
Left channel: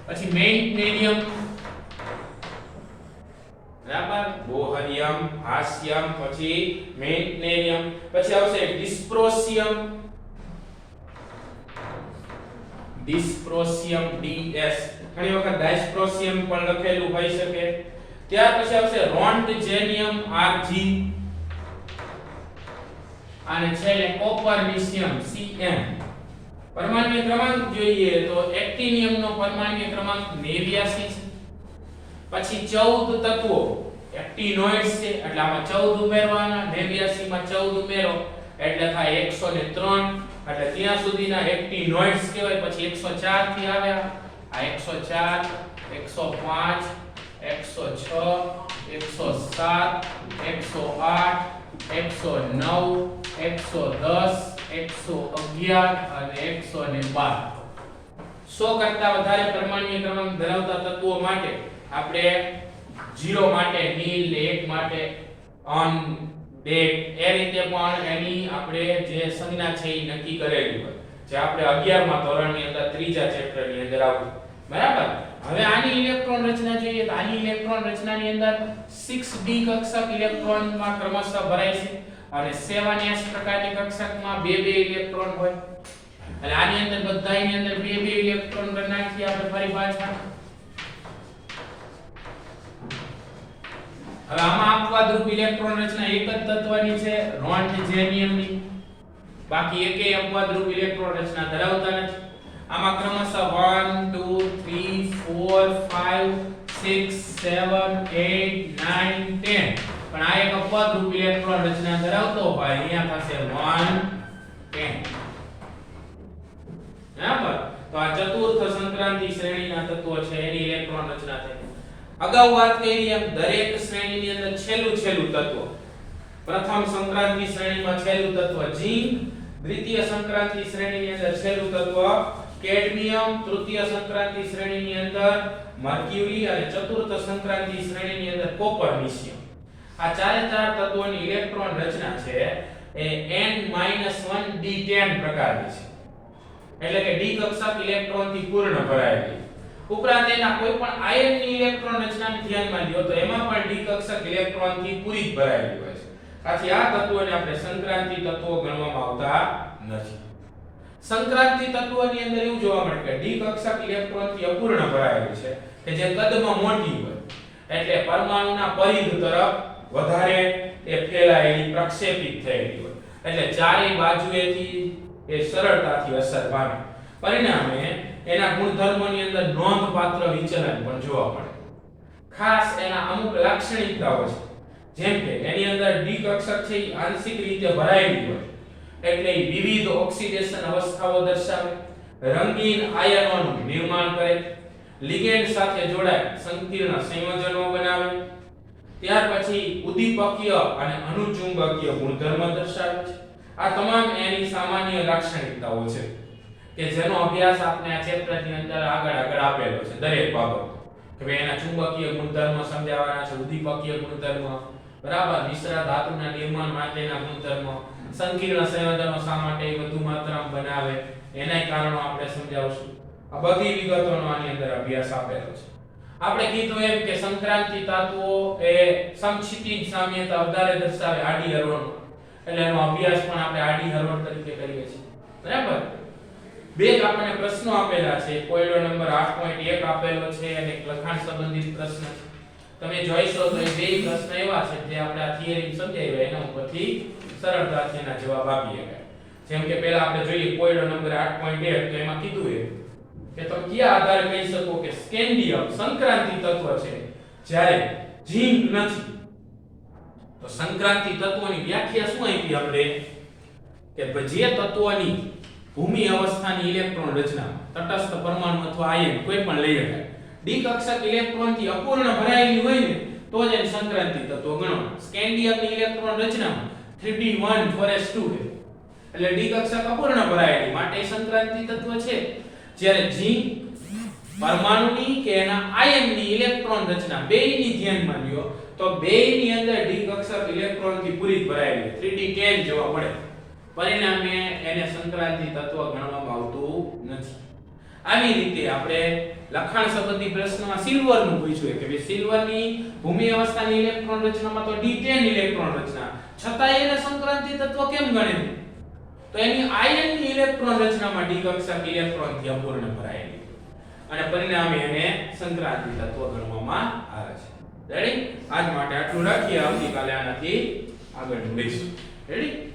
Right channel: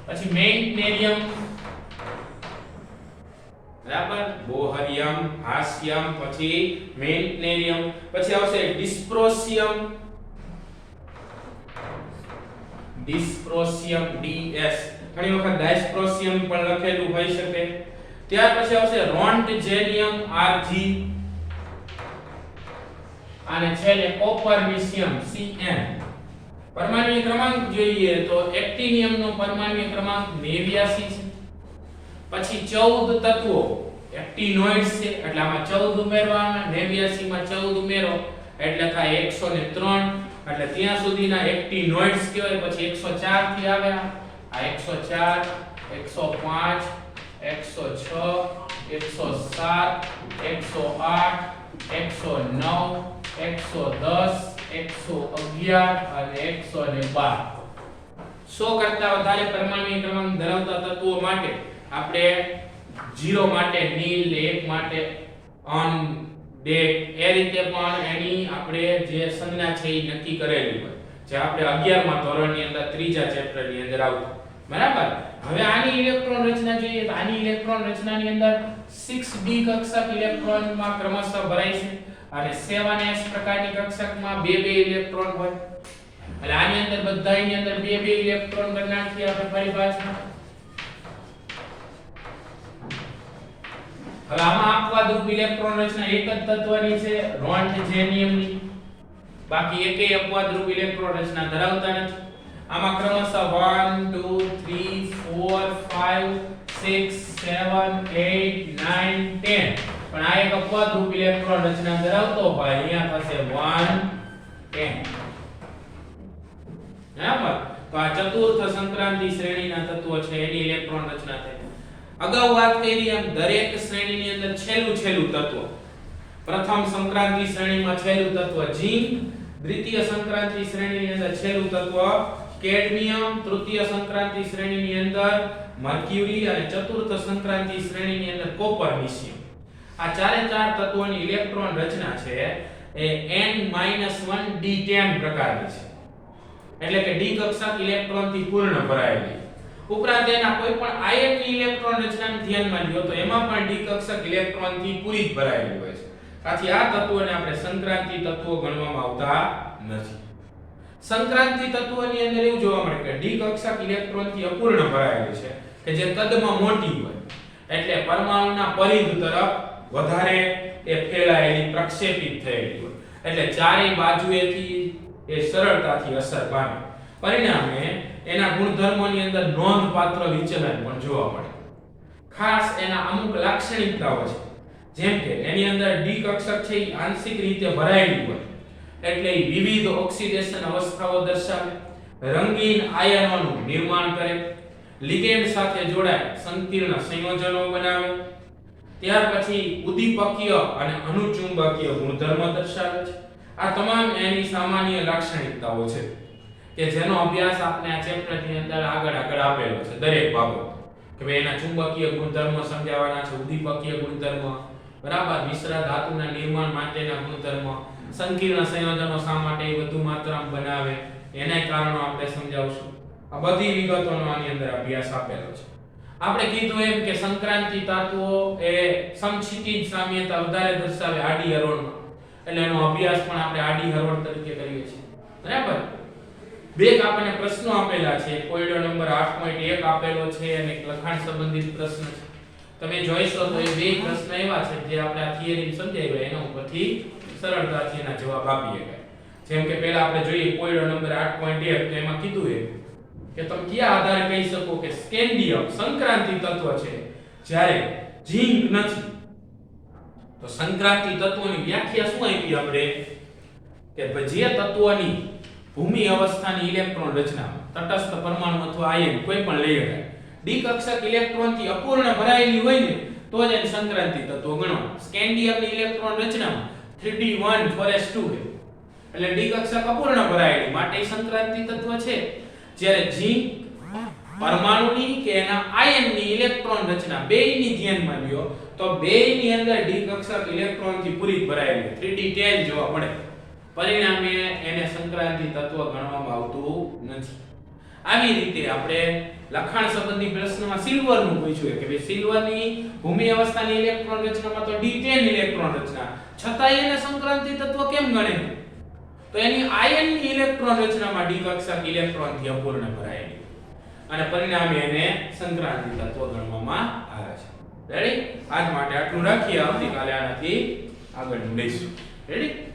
પછી મેન્ટનેરિયમ બરાબર બોહરિયમ હાસ્યમ પછી મેન્ટનેરિયમ પછી આવશે ડિસ્પ્રોસિયમ ડિસ્પ્રોસિયમ DS ઘણી વખત ડાયસ્પ્રોસિયમ પણ લખેલું હોઈ શકે ત્યાર પછી આવશે રોન્ટજેનિયમ Rg અને છેલ્લે કોપરનિશિયમ Cn પરમાણ્વીય ક્રમાંક જોઈએ તો એક્ટિનિયમ નો પરમાણ્વીય ક્રમાંક 89 છે પછી 14 તત્વો એક્ટિનોઇડ્સ છે એટલે આમાં 14 ઉમેરવાના 89 માં 14 ઉમેરો એટલે થાય 103 એટલે ત્યાં સુધીના એક્ટિનોઇડ્સ કહેવાય પછી 104 થી આવે આ 104 105 106 107 108 109 110 111 અને 112 100 કરતા વધારે પરમાણ્વીય ક્રમાંક ધરાવતા તત્વો માટે આપણે 0 માટે નીલ 1 માટે અન ડેક એ રીતે પણ એની આપણે જે સંજ્ઞા છે એ નક્કી કરેલી હોય જે આપણે 11મા ધોરણની અંદર ત્રીજા ચેપ્ટરની અંદર આવતું બરાબર હવે આની ઇલેક્ટ્રોન રચના જોઈએ તો આની ઇલેક્ટ્રોન રચનાની અંદર 6d કક્ષક ઇલેક્ટ્રોનમાં ક્રમશઃ ભરાય છે અને 7s પ્રકારની કક્ષકમાં બે ઇલેક્ટ્રોન હોય અને આની અંદર બધાયની અંદર બે ઇલેક્ટ્રોન કરી નાખીએ આપણે ફરી પાછા હવે આમાં અપવાદરૂપ ઇલેક્ટ્રોન રચના એક જ તત્વની છે રોન્ટજેનિયમની બાકી એકેય અપવાદરૂપ ઇલેક્ટ્રોન રચના ધરાવતા નથી આમાં ક્રમશઃ 1 2 3 4 5 6 7 8 9 10 પણ આ એક અપવાદરૂપ ઇલેક્ટ્રોન રચના ધરાવતો હોય અહીંયા થશે 1 10 બરાબર તો આ ચતુર્થ સંક્રાંતિ શ્રેણીના તત્વો છે એની ઇલેક્ટ્રોન રચના થાય અગાઉ વાત કરી એમ દરેક શ્રેણીની અંદર છેલ્લું તત્વ પ્રથમ સંક્રાંતિ શ્રેણીમાં છેલ્લું તત્વ ઝિંક દ્વિતીય સંક્રાંતિ શ્રેણીની અંદર છેલ્લું તત્વ કેડમિયમ તૃતીય સંક્રાંતિ શ્રેણીની અંદર મર્ક્યુરી અને ચતુર્થ સંક્રાંતિ શ્રેણીની અંદર કોપરનિશિયમ આ ચારે ચાર તત્વોની ઇલેક્ટ્રોન રચના છે એ n-1d10 પ્રકારની છે એટલે કે d કક્ષક ઇલેક્ટ્રોન થી પૂર્ણ ભરાયેલી ઉપરાંત એના કોઈ પણ આયનની ઇલેક્ટ્રોન રચનાને ધ્યાનમાં લ્યો તો એમાં પણ d કક્ષક ઇલેક્ટ્રોન થી પૂરી ભરાયેલી હોય છે આથી આ તત્વોને આપણે સંક્રાંતિ તત્વો ગણવામાં આવતા નથી સંક્રાંતિ તત્વોની અંદર એવું જોવા મળે કે d કક્ષક ઇલેક્ટ્રોન થી અપૂર્ણ ભરાયેલું છે કે જે કદમાં મોટી હોય એટલે પરમાણુના પરિઘ તરફ વધારે એ ફેલાયેલી પ્રક્ષેપિત થયેલી હોય એટલે ચારેય બાજુએથી એ સરળતાથી અસર પામે પરિણામે એના ગુણધર્મોની અંદર નોંધપાત્ર વિચલન પણ જોવા મળે ખાસ એના અમુક લાક્ષણિકતાઓ છે જેમ કે એની અંદર d કક્ષક છે એ આંશિક રીતે ભરાયેલી હોય એટલે વિવિધ ઓક્સિડેશન અવસ્થાઓ દર્શાવે રંગીન આયનોનું નિર્માણ કરે લિગેન્ડ સાથે જોડાય સંકીર્ણ સંયોજનો બનાવે ત્યાર પછી ઉદ્દીપકીય અને અનુચુંબકીય ગુણધર્મ દર્શાવે છે આ તમામ એની સામાન્ય લાક્ષણિકતાઓ છે કે જેનો અભ્યાસ આપણે આ ચેપ્ટરની અંદર આગળ આપેલો છે દરેક બાબત કે ભાઈ એના ચુંબકીય ગુણધર્મો સમજાવવાના છે ઉદ્દીપકીય ગુણધર્મો બરાબર મિશ્ર ધાતુના નિર્માણ માટેના ગુણધર્મો સંકીર્ણ સંયોજનો શા માટે વધુ માત્રામાં બનાવે એના કારણો આપણે સમજાવશું આ બધી વિગતોનો આની અંદર અભ્યાસ આપેલો છે આપણે કીધું એમ કે સંક્રાંતિ તત્વો એ સમક્ષિતિજ સામ્યતા વધારે દર્શાવે આડી હરોળમાં એટલે એનો અભ્યાસ પણ આપણે આડી હરોળ તરીકે કરીએ છીએ બરાબર બે આપણને પ્રશ્નો આપેલા છે. કોયડો નંબર 8.1 આપેલો છે અને એક લખાણ સંબંધિત પ્રશ્ન છે. તમે જોઈશો તો એ બે પ્રશ્ન એવા છે જે આપણે આ થિયરી સમજાવ્યા એના ઉપરથી સરળતાથી એના જવાબ આપી શકાય. જેમ કે પહેલા આપણે જોઈએ કોયડો નંબર 8.1 તો એમાં કીધું છે કે તમે કયા આધારે કહી શકો કે સ્કેન્ડિયમ સંક્રાંતિ તત્વ છે જ્યારે ઝિંક નથી. તો સંક્રાંતિ તત્વની વ્યાખ્યા શું આપી આપણે કે જે તત્વની ભૂમિ અવસ્થાની ઇલેક્ટ્રોન રચનામાં તટસ્થ પરમાણુ અથવા આયન કોઈ પણ લઈ શકાય ડી કક્ષક ઇલેક્ટ્રોનથી અપૂર્ણ ભરાયેલી હોય ને તો જ એને સંક્રાંતિ તત્વ ગણવામાં. સ્કેન્ડિયમની ઇલેક્ટ્રોન રચનામાં 3d1 4s2 છે એટલે ડી કક્ષક અપૂર્ણ ભરાયેલી માટે સંક્રાંતિ તત્વ છે. જ્યારે ઝિંક પરમાણુની કે એના આયનની ઇલેક્ટ્રોન રચના બેયની ધ્યાનમાં લ્યો તો બેયની અંદર ડી કક્ષક ઇલેક્ટ્રોનથી પૂરી ભરાયેલી 3d10 જોવા મળે. પરિણામે એને સંક્રાંતિ તત્વ ગણવામાં આવતું નથી. આવી રીતે આપણે લખાણ સંબંધી પ્રશ્નમાં સિલ્વરનું પૂછ્યું કે ભાઈ સિલ્વરની ભૂમિ અવસ્થાની ઇલેક્ટ્રોન રચનામાં તો d10 ઇલેક્ટ્રોન રચના છતાંય એને સંક્રાંતિ તત્વ કેમ ગણે? તો એની આયનની ઇલેક્ટ્રોન રચનામાં ડી કક્ષક ઇલેક્ટ્રોનથી અપૂર્ણ ભરાયેલી અને પરિણામે એને સંક્રાંતિ તત્વ ગણવામાં આવે છે. રેડી? આજ માટે આટલું રાખીએ. આવતીકાલે આનાથી આગળ લઈશું. રેડી?